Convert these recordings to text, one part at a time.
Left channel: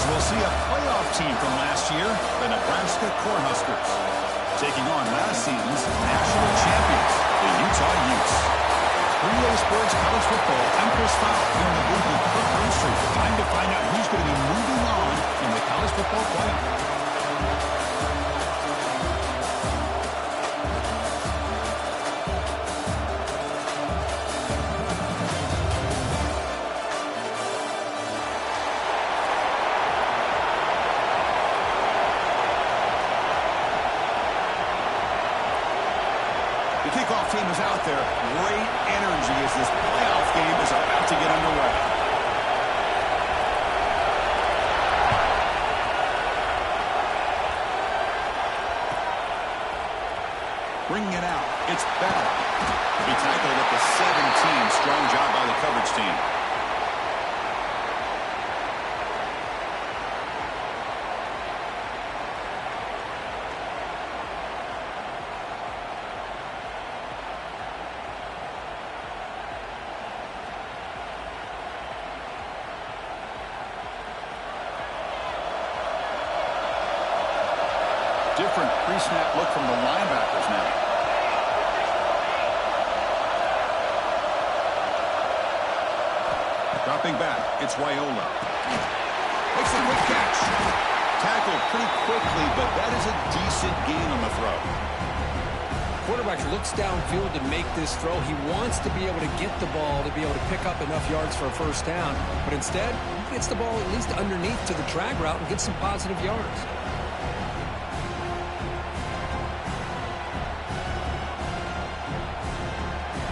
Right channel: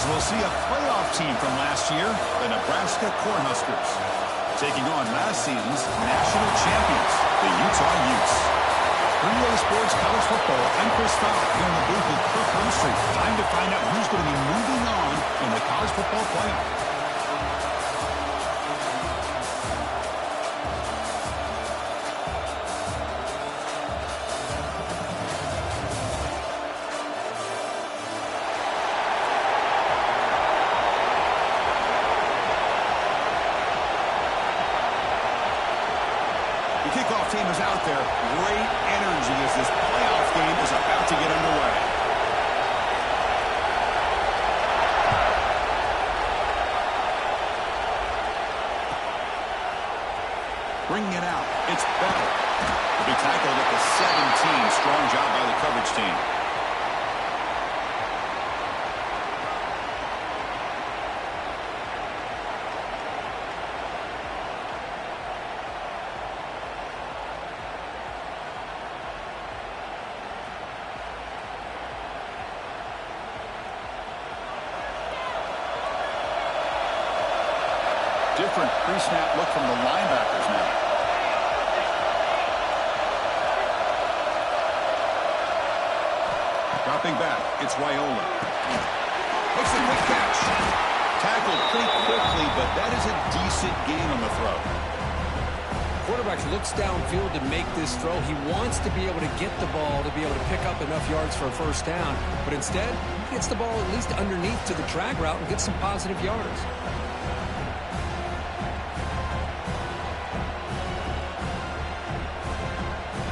as we'll see a playoff team from last year, the Nebraska Cornhuskers, taking on last season's national champions, the Utah Utes. For EA Sports College Football, I'm Chris Fowler here in the booth with Kirk Hermstreet. Time to find out who's going to be moving on in the college football playoff. The kickoff team is out there. Great energy as this playoff game is about to get underway. Bringing it out, it's Bell. He'll be tackled at the 17. Strong job by the coverage team. Different pre-snap look from the linebackers now. Dropping back, it's Wyola. Makes a quick catch. Tackled pretty quickly, but that is a decent gain on the throw. Quarterback looks downfield to make this throw. He wants to be able to get the ball to be able to pick up enough yards for a first down, but instead, he gets the ball at least underneath to the drag route and gets some positive yards.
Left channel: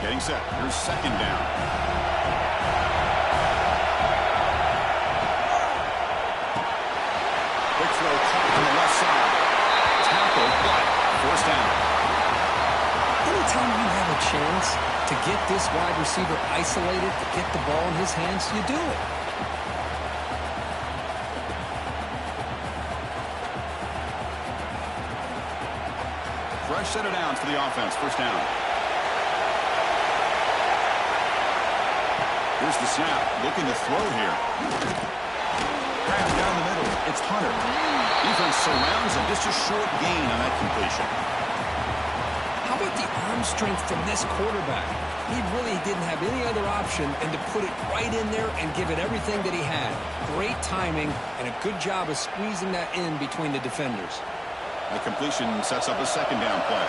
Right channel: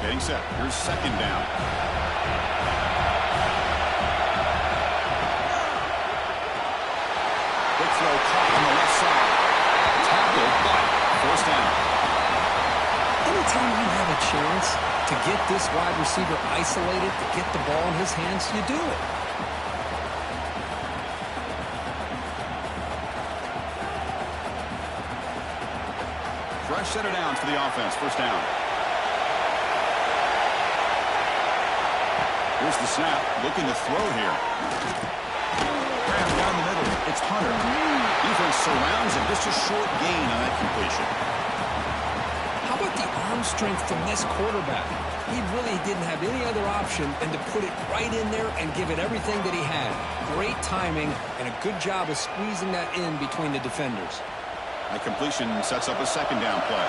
Getting set. Here's second down. Quick throw caught on the left side. Tackle, but first down. Anytime you have a chance to get this wide receiver isolated, to get the ball in his hands, you do it. Fresh set of downs for the offense. First down. Here's the snap, looking to throw here. Grab down the middle, it's Hunter. Defense surrounds him, just a short gain on that completion. How about the arm strength from this quarterback? He really didn't have any other option than to put it right in there and give it everything that he had. Great timing and a good job of squeezing that in between the defenders. That completion sets up a second down play.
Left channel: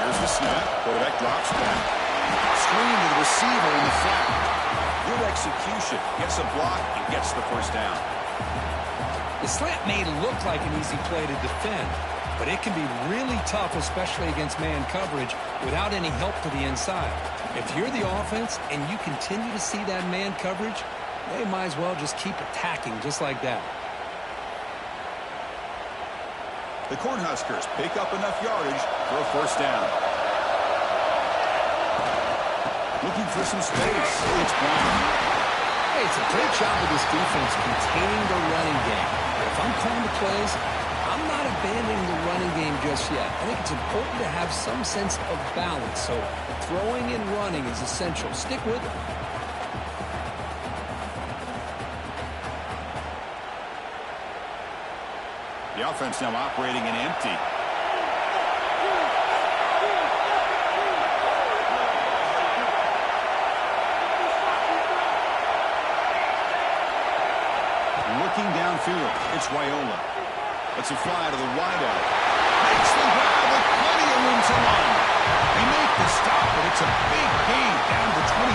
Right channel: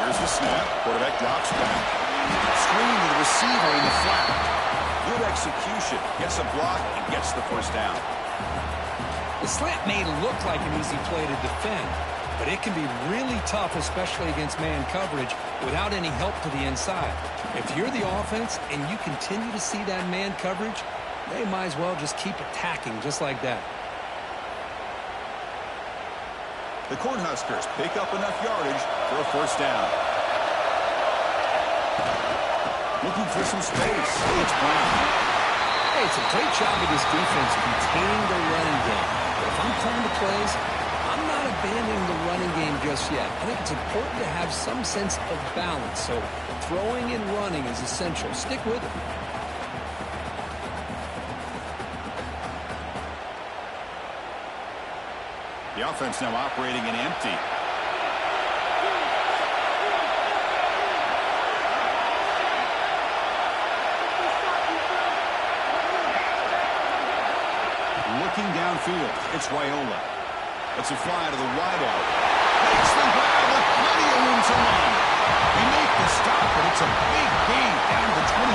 Here's the snap, quarterback drops back. Screen to the receiver in the flat. Good execution. Gets a block and gets the first down. The slant may look like an easy play to defend, but it can be really tough, especially against man coverage, without any help to the inside. If you're the offense and you continue to see that man coverage, they might as well just keep attacking just like that. The Cornhuskers pick up enough yardage for a first down. Looking for some space. It's Brown. Hey, it's a great job of this defense containing the running game. But if I'm calling the plays, I'm not abandoning the running game just yet. I think it's important to have some sense of balance. So throwing and running is essential. Stick with it. The offense now operating in empty. Looking downfield, it's Wyola. Lets it fly to the wideout. Makes the grab with plenty of room to run. They make the stop, but it's a big gain down to 29.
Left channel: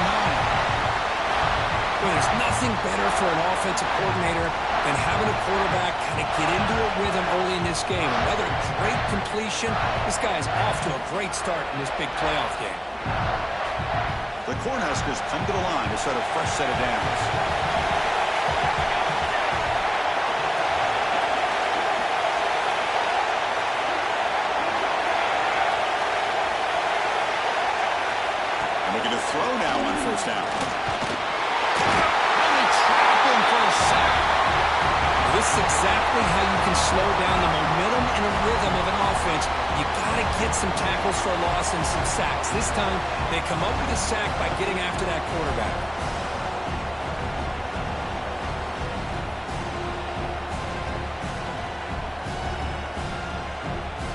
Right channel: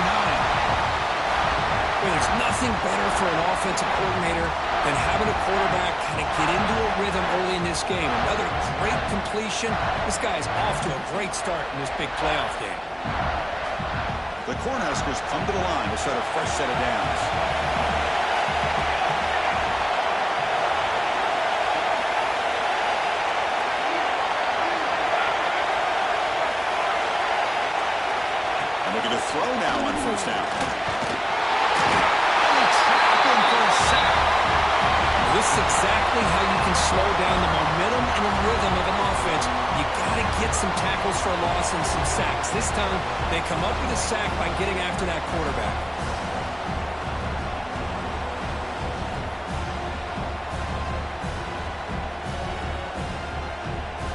Well, there's nothing better for an offensive coordinator than having a quarterback kind of get into a rhythm early in this game. Another great completion. This guy is off to a great start in this big playoff game. The Cornhuskers come to the line to set a fresh set of downs. Looking to throw now on first down. And they trap him for a sack. This is exactly how you can slow down the momentum and a rhythm of an offense. You got to get some tackles for a loss and some sacks. This time, they come up with a sack by getting after that quarterback.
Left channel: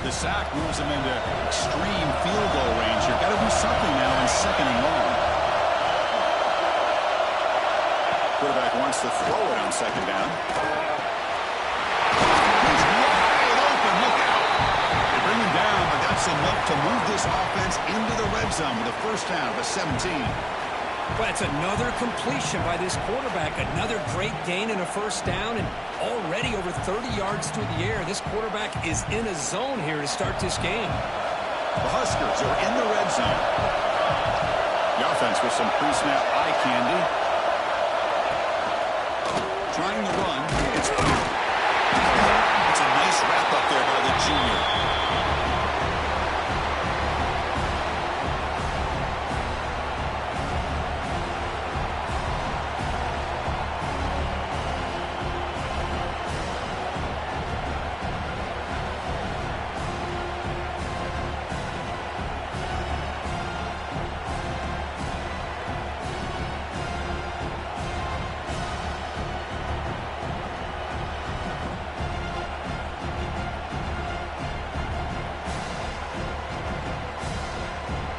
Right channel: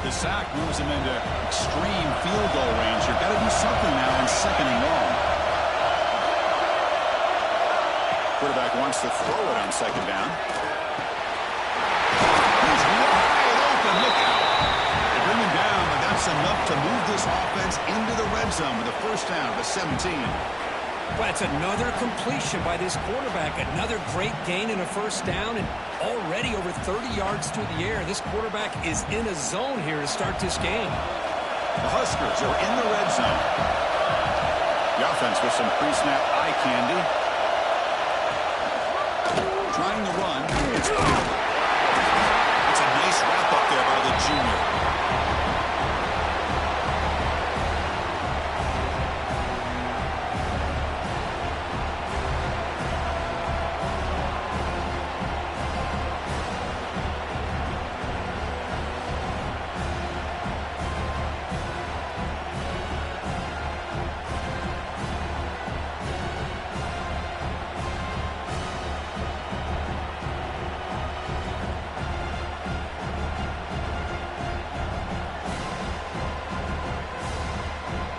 The sack moves him into extreme field goal range here. Got to do something now on 2nd and long. Quarterback wants to throw it on 2nd down. He's wide open. Look out. They bring him down, but that's enough to move this offense into the red zone with a 1st down at the 17. Well, it's another completion by this quarterback. Another great gain and a 1st down, and already over 30 yards through the air. This quarterback is in a zone here to start this game. The Huskers are in the red zone. The offense with some pre-snap eye candy. Trying to run. It's a nice wrap up there by the junior.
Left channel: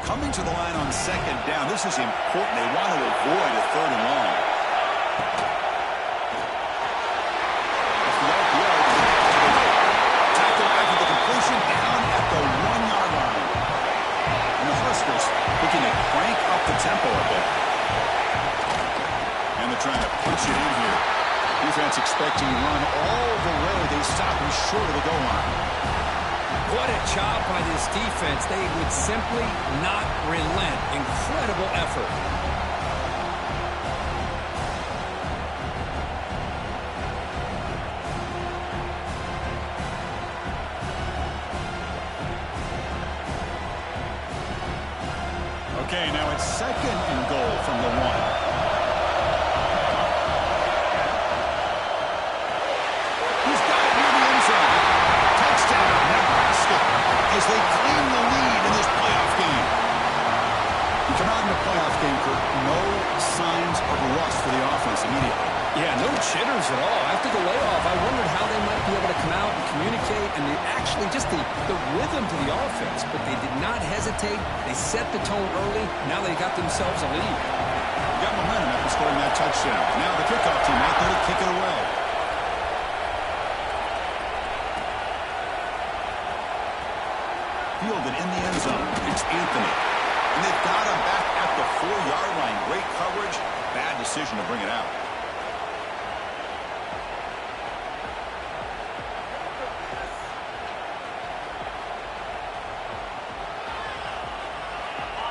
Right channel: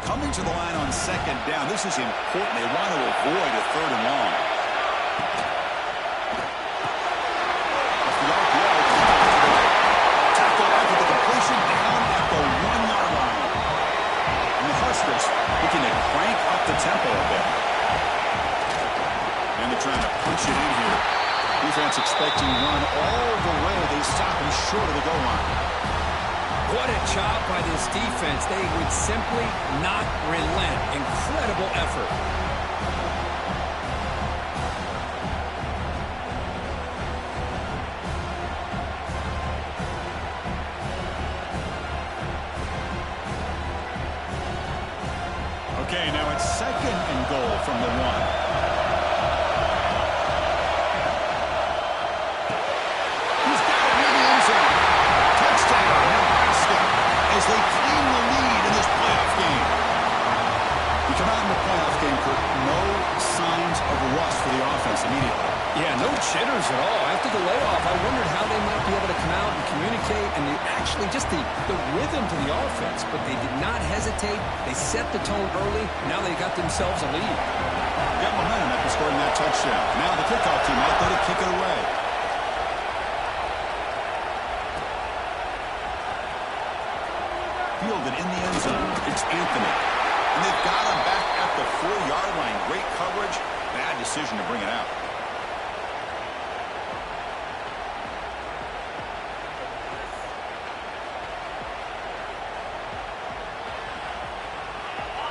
Coming to the line on 2nd down. This is important. They want to avoid a 3rd and long. Off the RPO to the right. Tackle after the completion down at the 1-yard line. And the Huskers looking to crank up the tempo a bit. And they're trying to punch it in here. Defense expecting to run all the way. They stop him short of the goal line. What a job by this defense. They would simply not relent. Incredible effort. Okay, now it's 2nd and goal from the 1. He's got it near the end zone. Touchdown, Nebraska, as they claim the lead in this playoff game. You come out in the playoff game, Kurt, no signs of rust for the offense immediately. Yeah, no jitters at all. After the layoff, I wondered how they might be able to come out and communicate and actually just the rhythm to the offense. But they did not hesitate. They set the tone early. Now they got themselves a lead. Got momentum after scoring that touchdown. Now the kickoff team out there to kick it away. Fielded in the end zone. It's Anthony. And they've got him back at the 4-yard line. Great coverage. Bad decision to bring it out.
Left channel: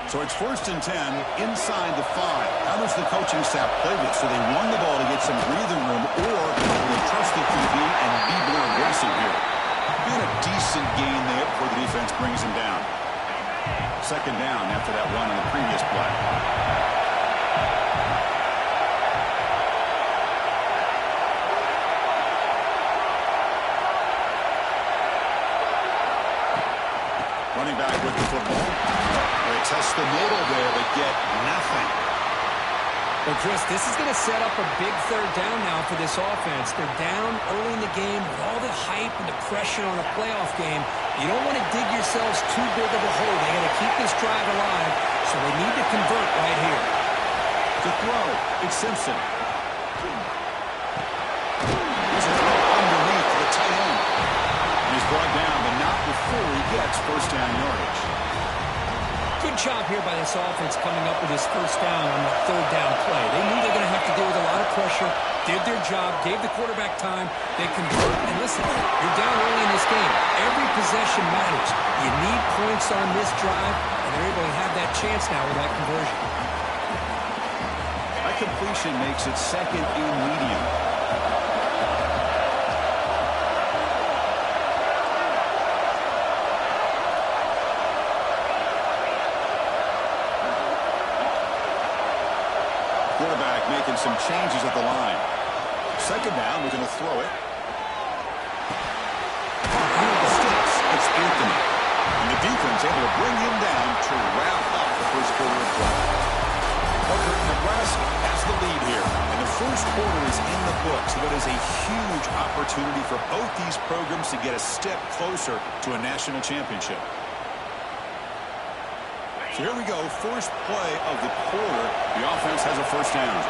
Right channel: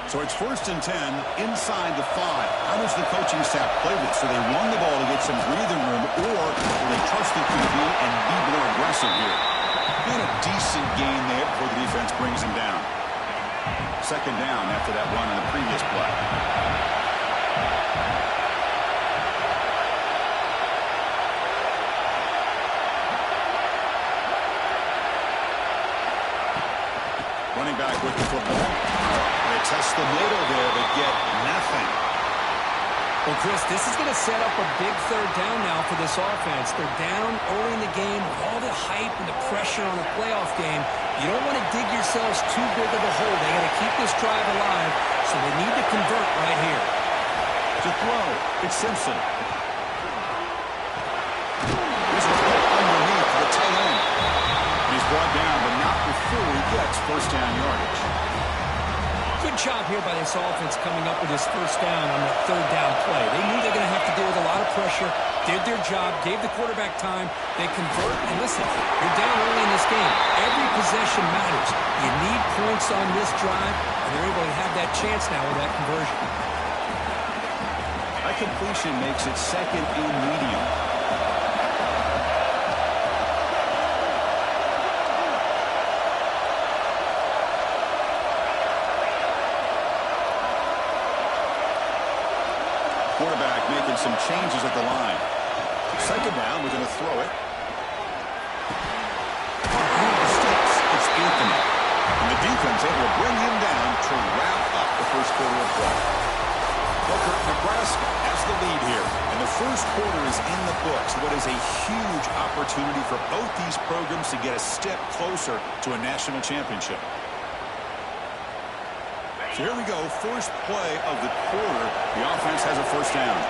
So it's 1st and 10 inside the 5. How does the coaching staff play this? So they run the ball to get some breathing room, or they trust the QB and be more aggressive here? Been a decent gain there before the defense brings him down. 2nd down after that run on the previous play. Running back with the football. They test the middle there, but get nothing. Well, Chris, this is going to set up a big 3rd down now for this offense. They're down early in the game with all the hype and the pressure on a playoff game. You don't want to dig yourselves too big of a hole. They got to keep this drive alive, so they need to convert right here. To throw, it's Simpson. Here's a throw underneath the tight end. And he's brought down, but not before he gets 1st down yardage. Good job here by this offense coming up with his 1st down on the 3rd down play. They knew they were going to have to deal with a lot of pressure, did their job, gave the quarterback time. They convert, and listen, you're down early in this game. Every possession matters. You need points on this drive, and they're able to have that chance now with that conversion. That completion makes it 2nd and medium. Quarterback making some changes at the line. 2nd down, we're going to throw it. Near the sticks, it's Anthony. And the defense able to bring him down to wrap up the 1st quarter of play. Booker, Nebraska has the lead here in the first quarter is in the books. What is a huge opportunity for both these programs to get a step closer to a national championship. So here we go, first play of the quarter. The offense has a first down.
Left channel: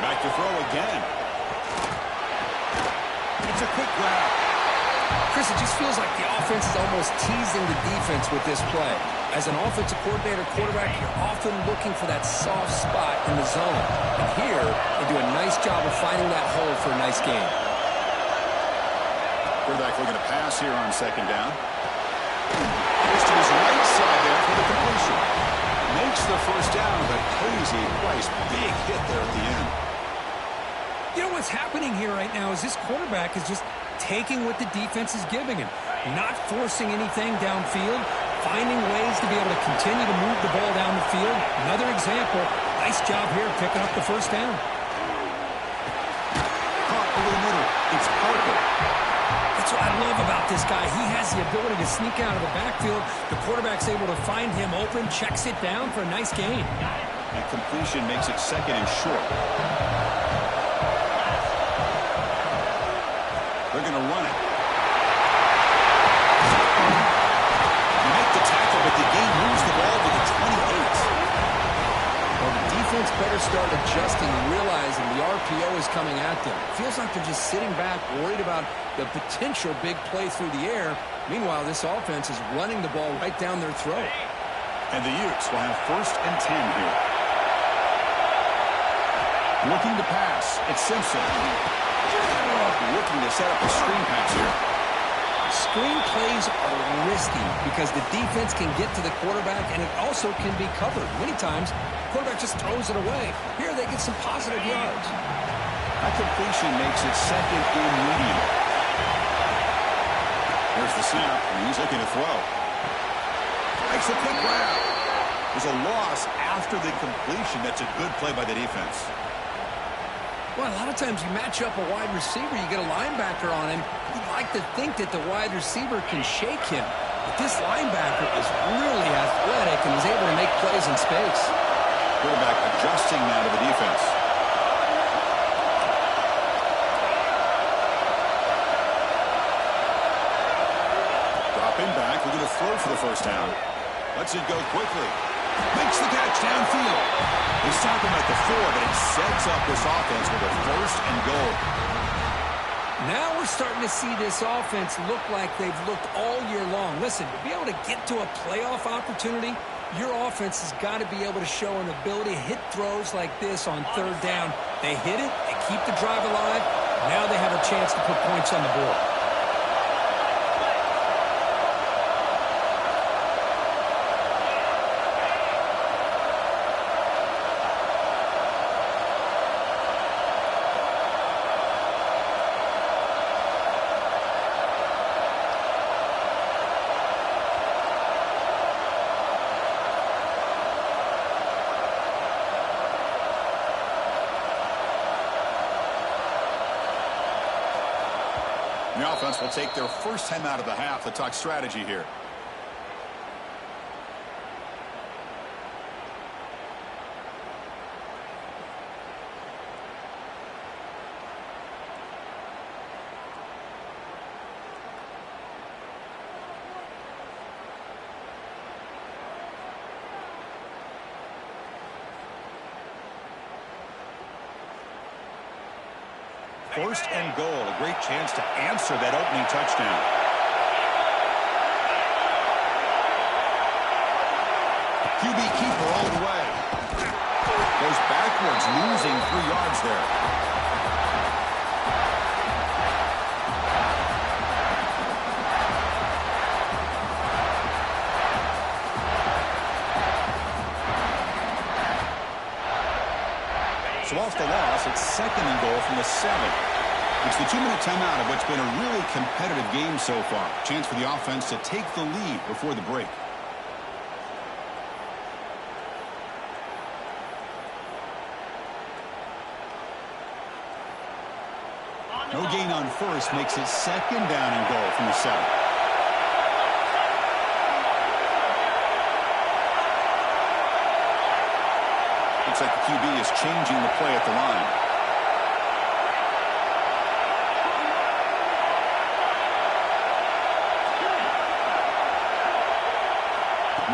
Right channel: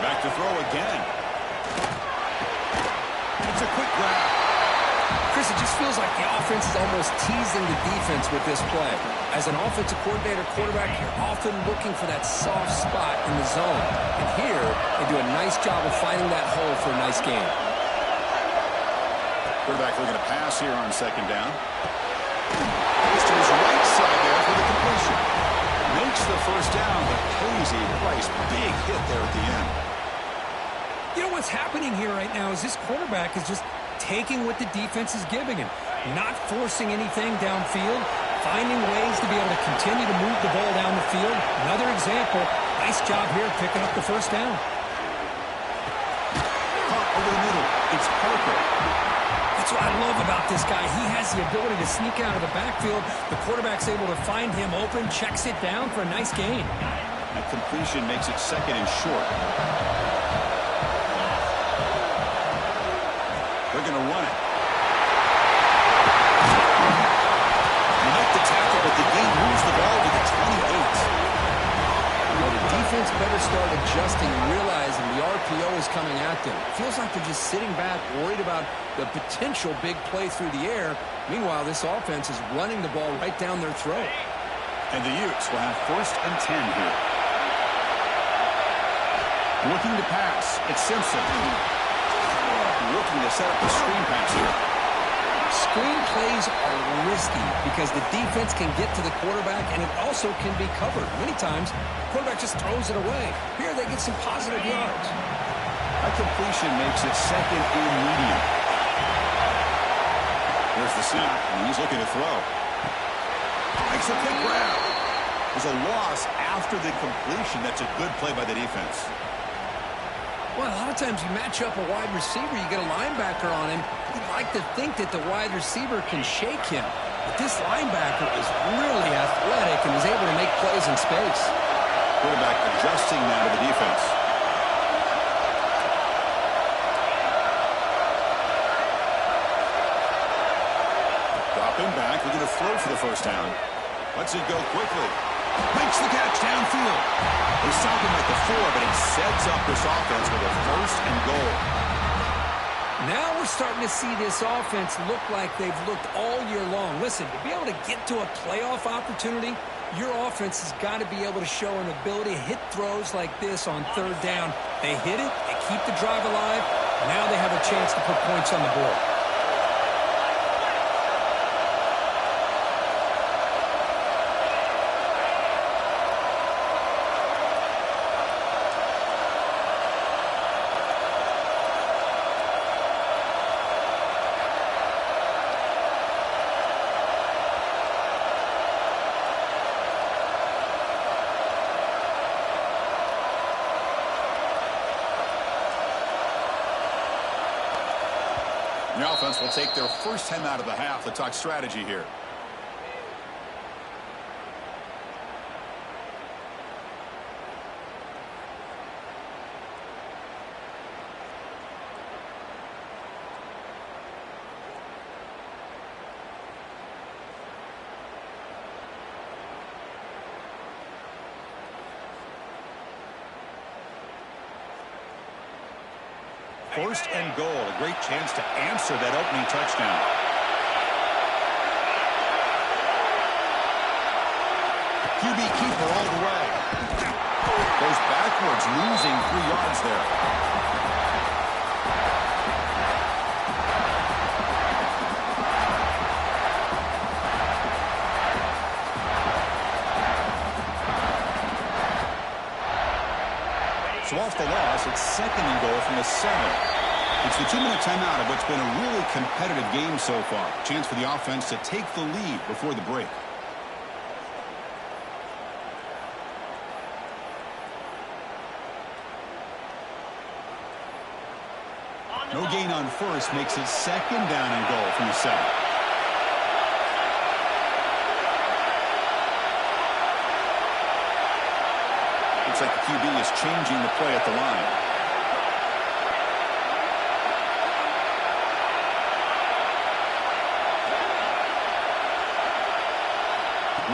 Back to throw again. It's a quick grab. Chris, it just feels like the offense is almost teasing the defense with this play. As an offensive coordinator, quarterback, you're often looking for that soft spot in the zone. And here, they do a nice job of finding that hole for a nice gain. Quarterback looking to pass here on second down. Goes to his right side there for the completion. Makes the first down, but pays a price. Big hit there at the end. You know what's happening here right now is this quarterback is just taking what the defense is giving him, not forcing anything downfield, finding ways to be able to continue to move the ball down the field. Another example, nice job here picking up the first down. Caught over the middle. It's Parker. That's what I love about this guy. He has the ability to sneak out of the backfield. The quarterback's able to find him open, checks it down for a nice gain. That completion makes it second and short. They're going to run it. You make the tackle, but the game moves the ball to the 28. Well, the defense better start adjusting and realizing the RPO is coming at them. Feels like they're just sitting back, worried about the potential big play through the air. Meanwhile, this offense is running the ball right down their throat. And the Utes will have first and 10 here. Looking to pass. It's Simpson. Looking to set up a screen pass here. Screen plays are risky because the defense can get to the quarterback, and it also can be covered. Many times, the quarterback just throws it away. Here, they get some positive yards. That completion makes it second and medium. There's the snap, and he's looking to throw. Makes a quick grab. There's a loss after the completion. That's a good play by the defense. Well, a lot of times you match up a wide receiver, you get a linebacker on him. You'd like to think that the wide receiver can shake him. But this linebacker is really athletic and is able to make plays in space. Quarterback adjusting now to the defense. Dropping back, looking to throw for the first down. Lets it go quickly. Makes the catch downfield. They stop him at the 4, but it sets up this offense with a first and goal. Now we're starting to see this offense look like they've looked all year long. Listen, to be able to get to a playoff opportunity, your offense has got to be able to show an ability to hit throws like this on third down. They hit it, they keep the drive alive. Now they have a chance to put points on the board. The offense will take their first time out of the half. Let's talk strategy here. First and goal, a great chance to answer that opening touchdown. QB keeper all the way. Goes backwards, losing 3 yards there. So off the loss, it's second and goal from the 7. It's the 2-minute timeout of what's been a really competitive game so far. Chance for the offense to take the lead before the break. No gain on first makes it second down and goal from the 7. Looks like the QB is changing the play at the line.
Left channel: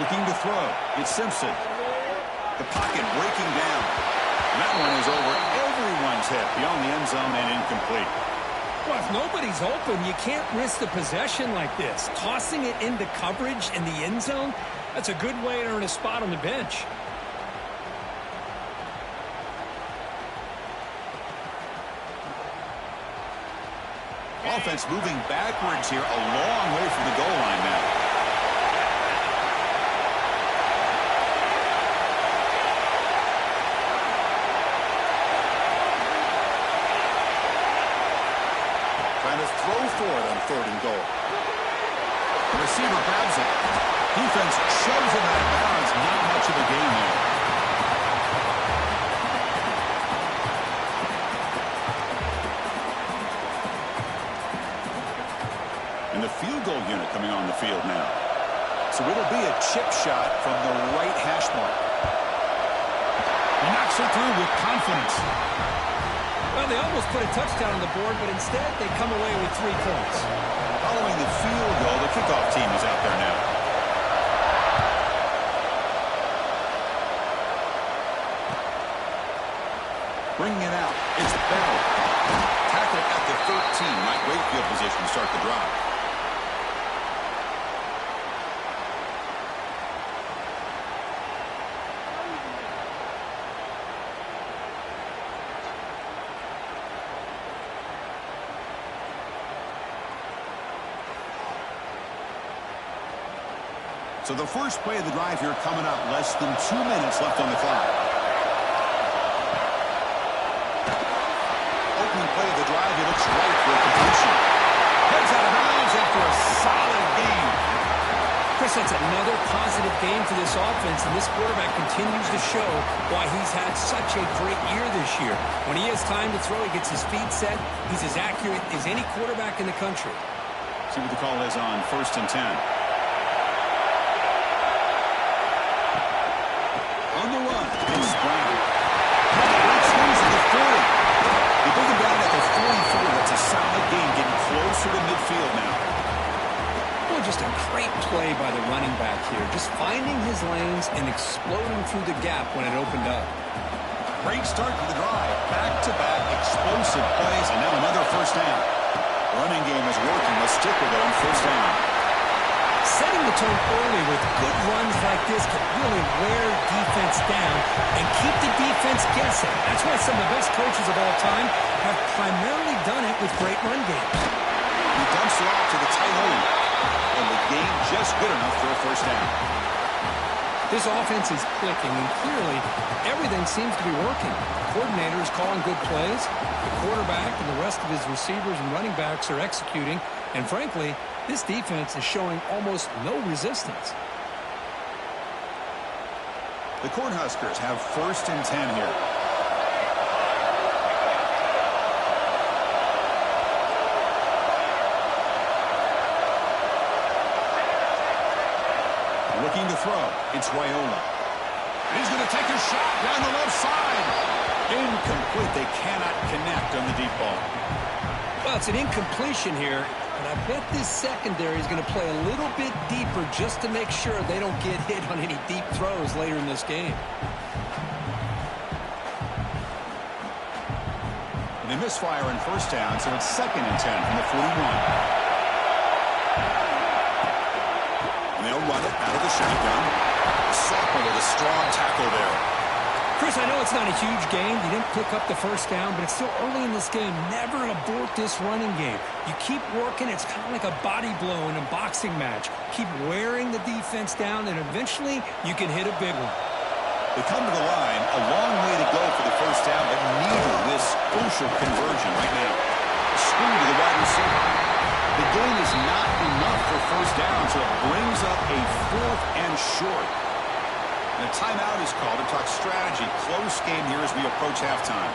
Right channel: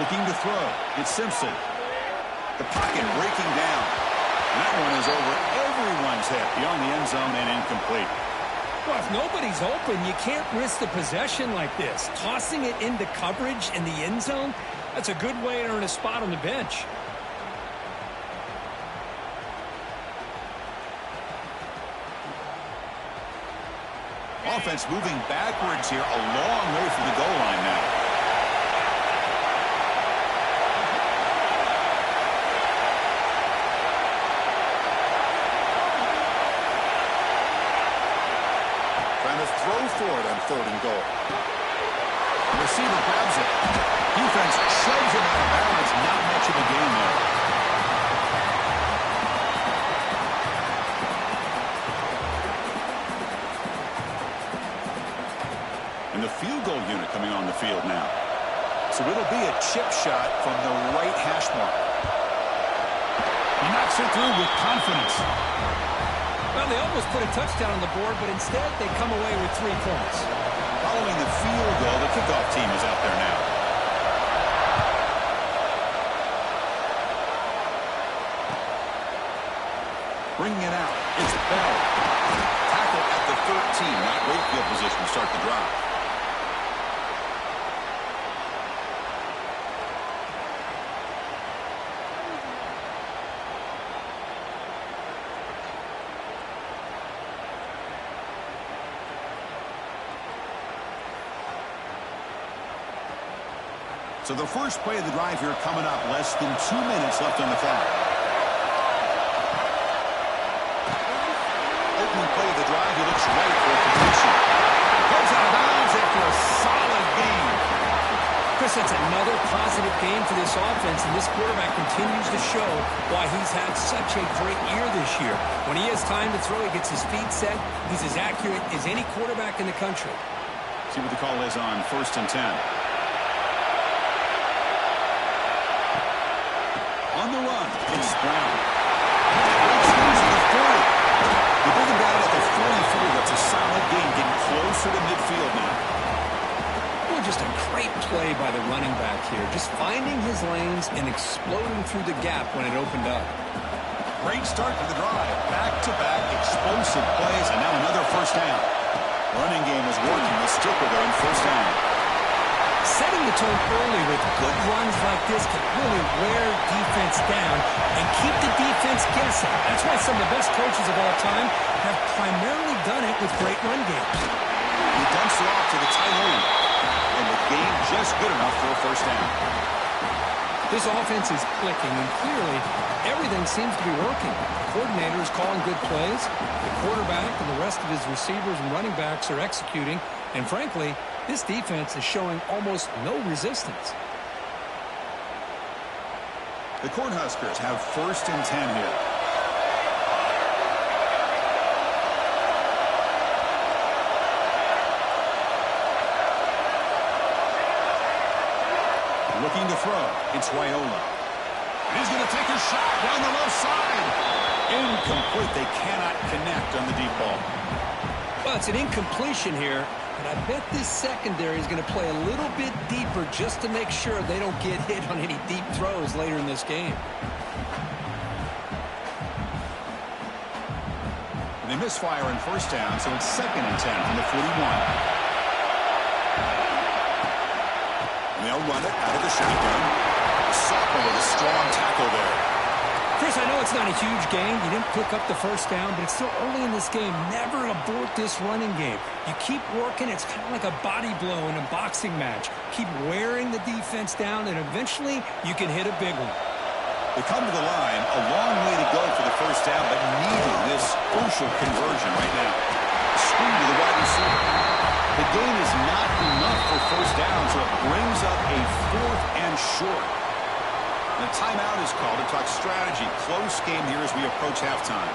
Looking to throw. It's Simpson. The pocket breaking down. And that one is over everyone's head beyond the end zone and incomplete. Well, if nobody's open, you can't risk the possession like this. Tossing it into coverage in the end zone, that's a good way to earn a spot on the bench. Offense moving backwards here, a long way from the goal line now. Trying to throw for it on 3rd and goal. The receiver grabs it. Defense shoves him out of bounds. Not much of a gain there. And the field goal unit coming on the field now. So it'll be a chip shot from the right hash mark. He knocks it through with confidence. Well, they almost put a touchdown on the board, but instead they come away with 3 points. Following the field goal, the kickoff team is out there now. Bringing it out, it's Bell. Tackle at the 13, not great field position to start the drive. So the first play of the drive here coming up. Less than 2 minutes left on the clock. Opening play of the drive. He looks right for a completion. Heads out of bounds after a solid game. Chris, that's another positive game for this offense, and this quarterback continues to show why he's had such a great year this year. When he has time to throw, he gets his feet set. He's as accurate as any quarterback in the country. See what the call is on 1st and 10. On the run, it's Brown. Great swings at the 40. They bring him down at the 44. That's a solid gain, getting closer to midfield now. Boy, just a great play by the running back here. Just finding his lanes and exploding through the gap when it opened up. Great start to the drive. Back-to-back explosive plays, and now another first down. Running game is working. Let's stick with it on 1st down. Setting the tone early with good runs like this can really wear defense down and keep the defense guessing. That's why some of the best coaches of all time have primarily done it with great run games. He dumps it off to the tight end, and the game just good enough for a first down. This offense is clicking, and clearly everything seems to be working. The coordinator is calling good plays. The quarterback and the rest of his receivers and running backs are executing. And frankly, this defense is showing almost no resistance. The Cornhuskers have 1st and 10 here. Looking to throw. It's Wyola. He's going to take a shot down the left side. Incomplete. They cannot connect on the deep ball. Well, it's an incompletion here. But I bet this secondary is going to play a little bit deeper just to make sure they don't get hit on any deep throws later in this game. And they misfire on 1st down, so it's 2nd and 10 from the 41. And they'll run it out of the shotgun. The sophomore with a strong tackle there. Chris, I know it's not a huge gain. You didn't pick up the first down, but it's still early in this game. Never abort this running game. You keep working. It's kind of like a body blow in a boxing match. Keep wearing the defense down, and eventually you can hit a big one. They come to the line. A long way to go for the first down, but needing this crucial conversion right now. A screen to the wide receiver. The gain is not enough for first down, so it brings up a 4th and short. And a timeout is called to talk strategy. Close game here as we approach halftime.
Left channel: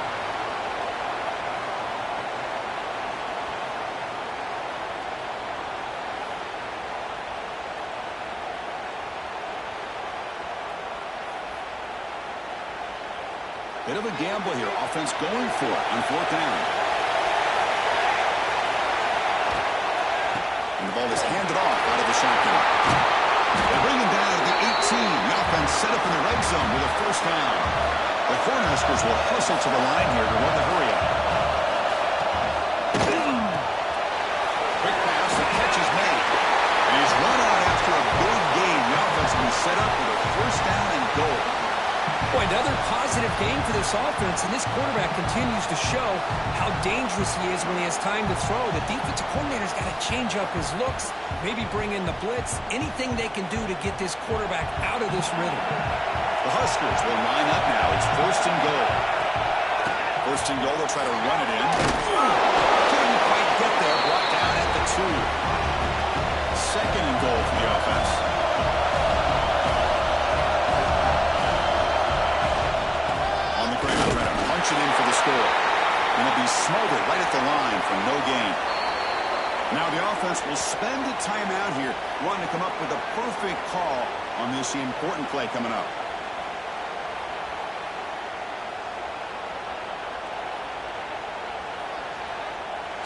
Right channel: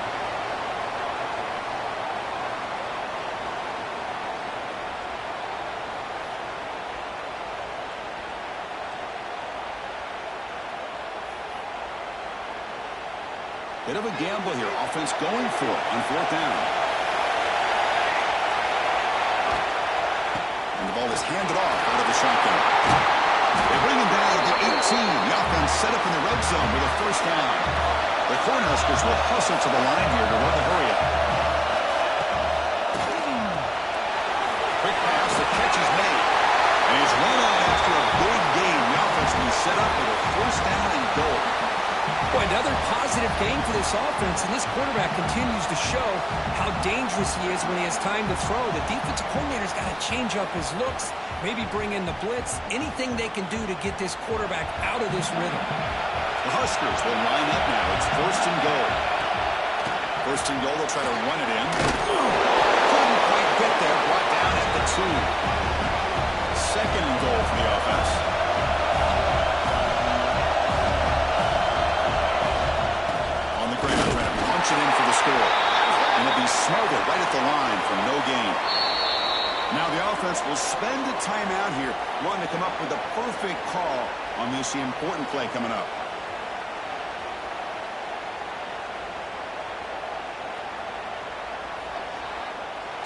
Bit of a gamble here. Offense going for it on 4th down. And the ball is handed off out of the shotgun. They bring him down at the 18. The offense set up in the red zone with a 1st down. The Cornhuskers will hustle to the line here to run the hurry up. Quick pass, the catch is made. And he's run out after a big gain. The offense will be set up with a 1st down and goal. Boy, another positive game for this offense, and this quarterback continues to show how dangerous he is when he has time to throw. The defensive coordinator's got to change up his looks, maybe bring in the blitz, anything they can do to get this quarterback out of this rhythm. The Huskers will line up now. It's 1st and goal. 1st and goal, they'll try to run it in. Couldn't quite get there, brought down at the 2. 2nd and goal for the offense. On the ground, trying to punch it in for the score. And it'll be smothered right at the line for no gain. Now the offense will spend a timeout here, wanting to come up with a perfect call on this important play coming up.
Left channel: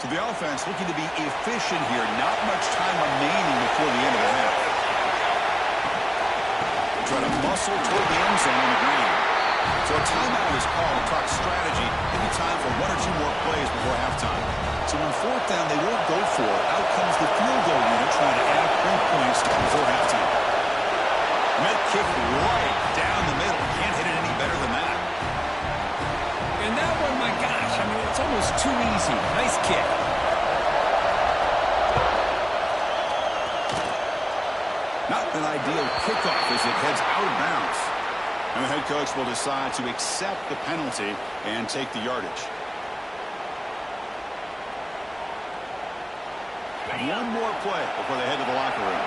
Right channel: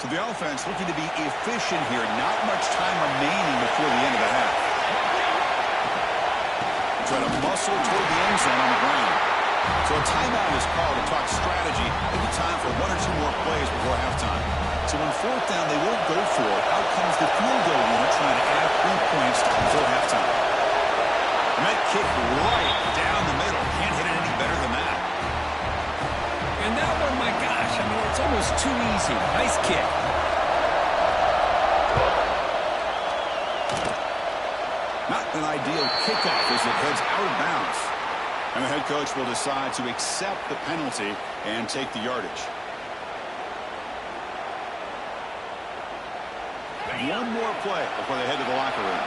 So the offense looking to be efficient here. Not much time remaining before the end of the half. Try to muscle toward the end zone on the ground. So a timeout is called to talk strategy. Maybe time for 1 or 2 more plays before halftime. So on 4th down, they won't go for it. Out comes the field goal unit trying to add 3 points before halftime. And that kick right down the middle. Can't hit it any better than that. And that one, my gosh, I mean, it's almost too easy. Nice kick. Not an ideal kickoff as it heads out of bounds. And the head coach will decide to accept the penalty and take the yardage. One more play before they head to the locker room.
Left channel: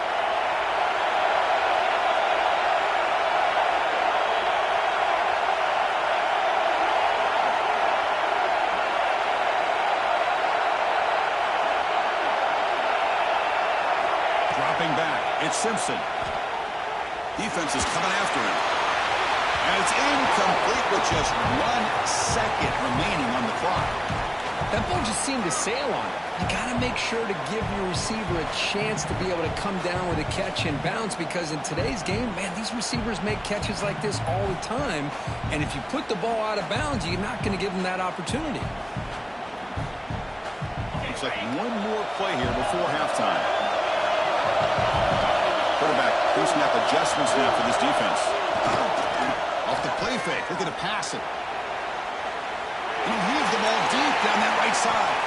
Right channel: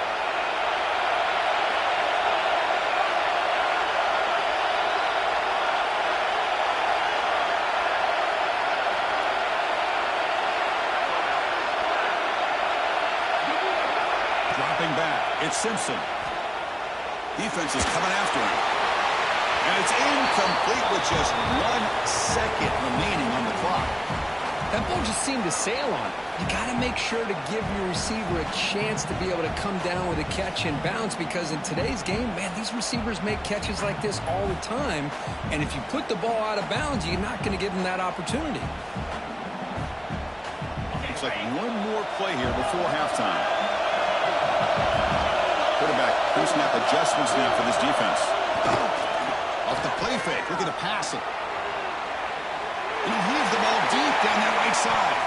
Dropping back, it's Simpson. Defense is coming after him. And it's incomplete with just 1 second remaining on the clock. That ball just seemed to sail on it. You got to make sure to give your receiver a chance to be able to come down with a catch and bounce, because in today's game, man, these receivers make catches like this all the time. And if you put the ball out of bounds, you're not going to give them that opportunity. Looks like one more play here before halftime. Quarterback pre-snap adjustments now for this defense. Off the play fake, looking to pass it. And he'll heave the ball deep down that right side.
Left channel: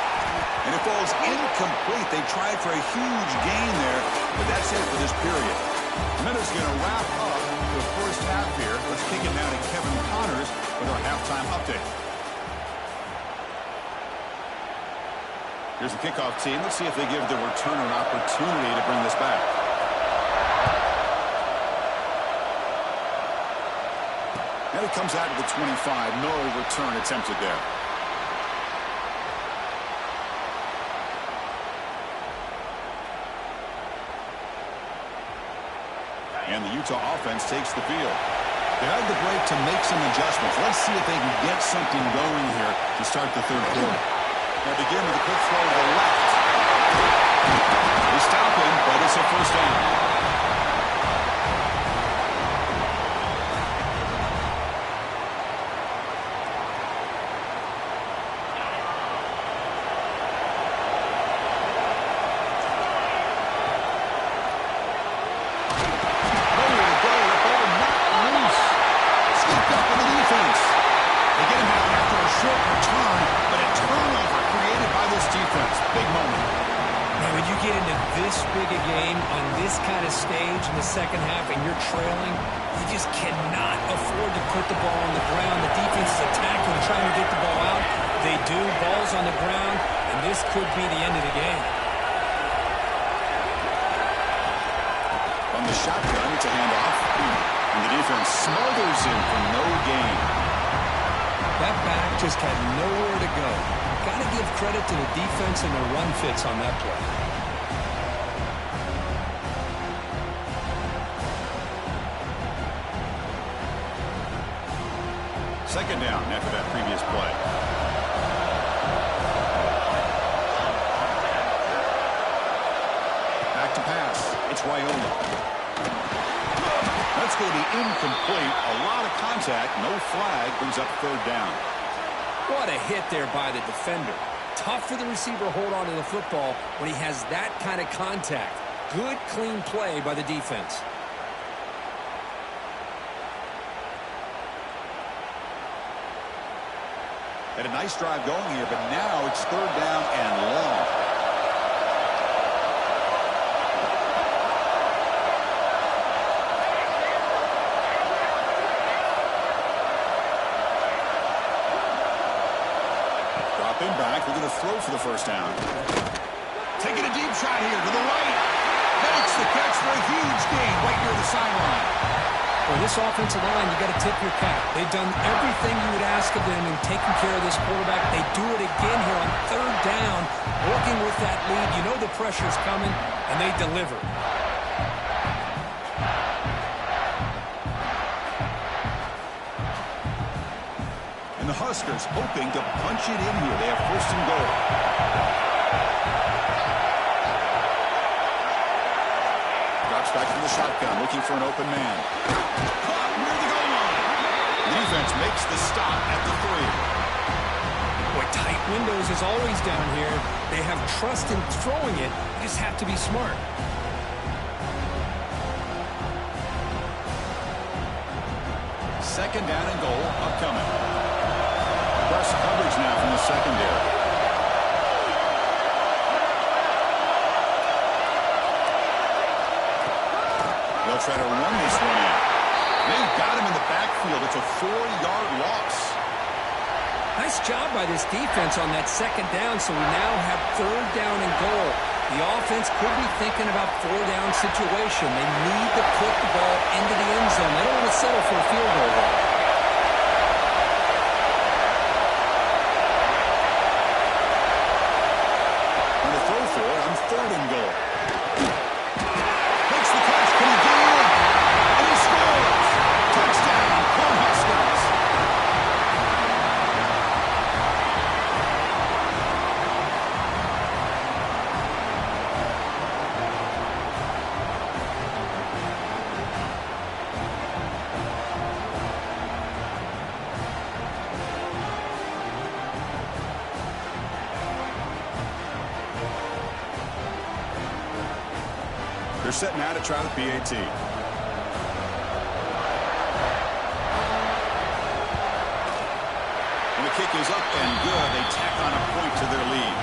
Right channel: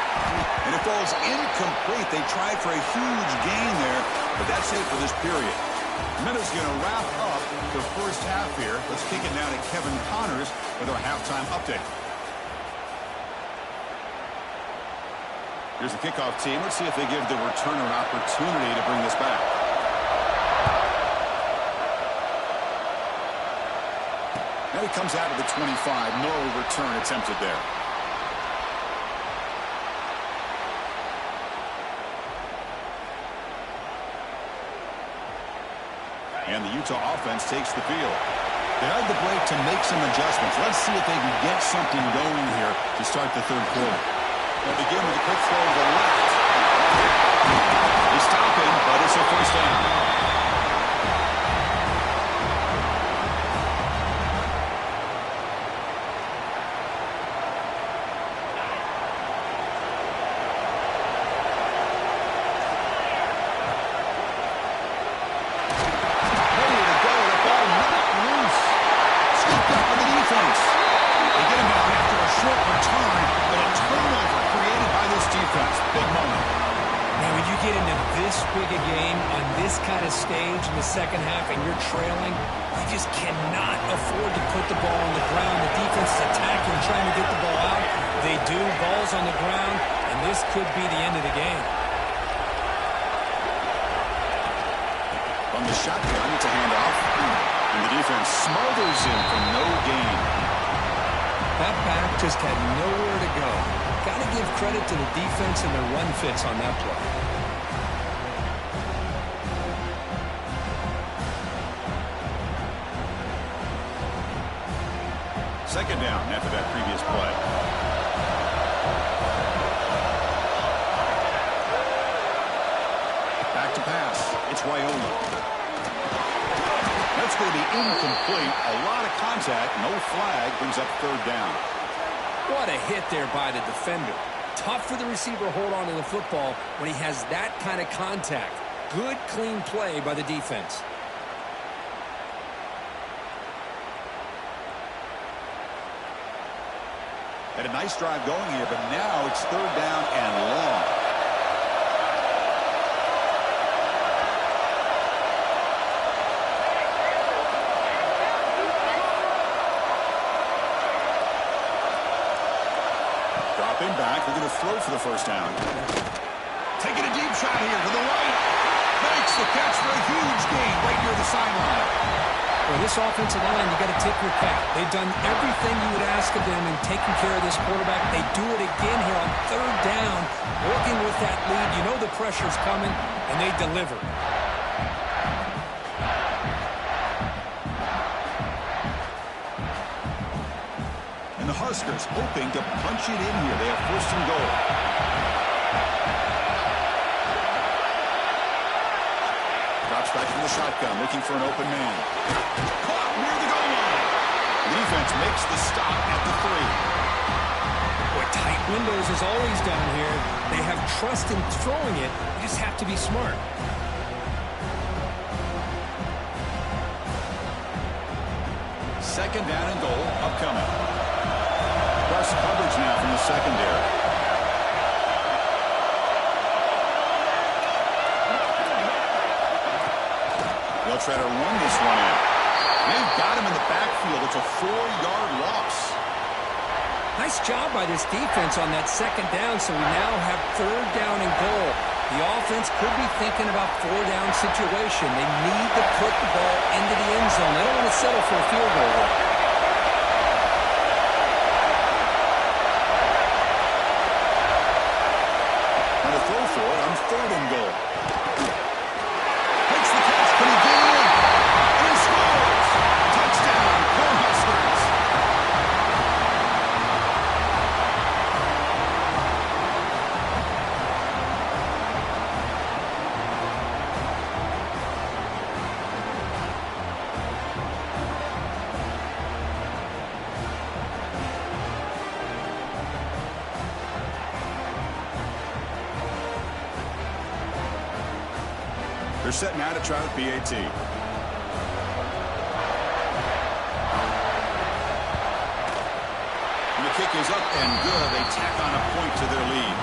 And it falls incomplete. They tried for a huge gain there, but that's it for this period. Minutes going to wrap up the first half here. Let's kick it now to Kevin Connors with our halftime update. Here's the kickoff team. Let's see if they give the returner an opportunity to bring this back. And it comes out of the 25. No return attempted there. And the Utah offense takes the field. They had the break to make some adjustments. Let's see if they can get something going here to start the third quarter. They'll begin with a quick throw to the left. They stop him, but it's a 1st down. They get him down after a short return, but a turnover created by this defense. Big moment. Man, when you get into this big a game on this kind of stage in the second half and you're trailing, you just cannot afford to put the ball on the ground. The defense is attacking, trying to get the ball out. They do. Ball's on the ground, and this could be the end of the game. From the shotgun, it's a handoff. And the defense smothers him for no gain. That back just had nowhere to go. Got to give credit to the defense and their run fits on that play. Second down after that previous play. Back to pass. It's Raiola. That's going to be incomplete. A lot of contact. No flag. Brings up third down. What a hit there by the defender. Tough for the receiver to hold on to the football when he has that kind of contact. Good, clean play by the defense. Had a nice drive going here, but now it's third down and long. Dropping back, they're going to throw for the first down. Taking a deep shot here to the right. Makes the catch for a huge gain right near the sideline. For this offensive line, you got to tip your cap. They've done everything you would ask of them in taking care of this quarterback. They do it again here on third down, working with that lead. You know the pressure's coming, and they deliver. And the Huskers hoping to punch it in here. They have first and goal. Drops back from the shotgun, looking for an open man. Caught near the goal line. The defense makes the stop at the 3. Boy, tight windows is always down here. They have trust in throwing it. You just have to be smart. Second down and goal upcoming. Press coverage now from the secondary. They'll try to run this one in. They've got him in the backfield. It's a 4-yard loss. Nice job by this defense on that second down, so we now have third down and goal. The offense could be thinking about 4-down situation. They need to put the ball into the end zone. They don't want to settle for a field goal here. And to throw for it on third and goal. Makes the catch. Can he get it? And he scores. Touchdown, Cornhuskers. They're set now to try the PAT. And the kick is up and good. They tack on a point to their lead.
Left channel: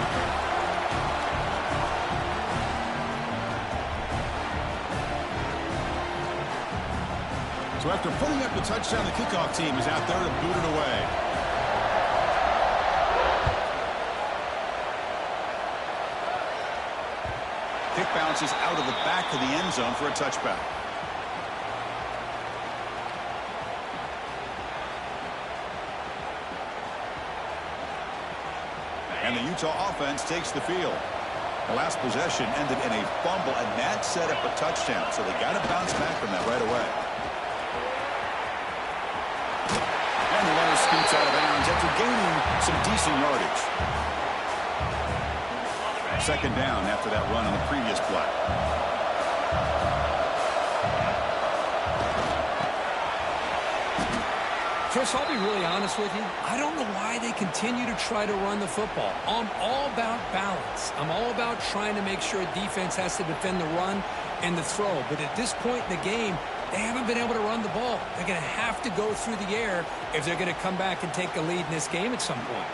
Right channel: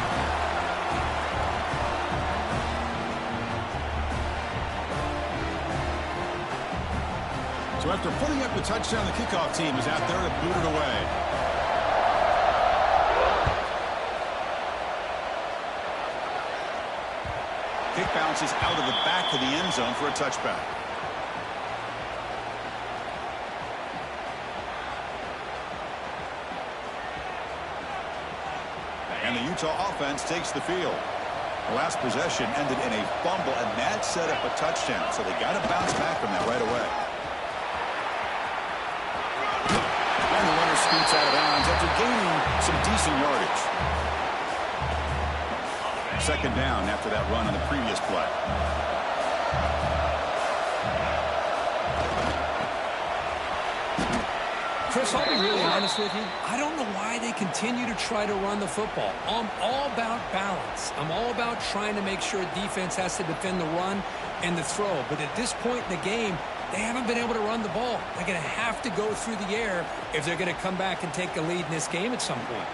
So after putting up the touchdown, the kickoff team is out there to boot it away. Kick bounces out of the back of the end zone for a touchback. And the Utah offense takes the field. The last possession ended in a fumble, and that set up a touchdown. So they got to bounce back from that right away. And the runner scoots out of bounds after gaining some decent yardage. Second down after that run on the previous play. Chris, I'll be really honest with you. I don't know why they continue to try to run the football. I'm all about balance. I'm all about trying to make sure defense has to defend the run and the throw. But at this point in the game, they haven't been able to run the ball. They're going to have to go through the air if they're going to come back and take a lead in this game at some point.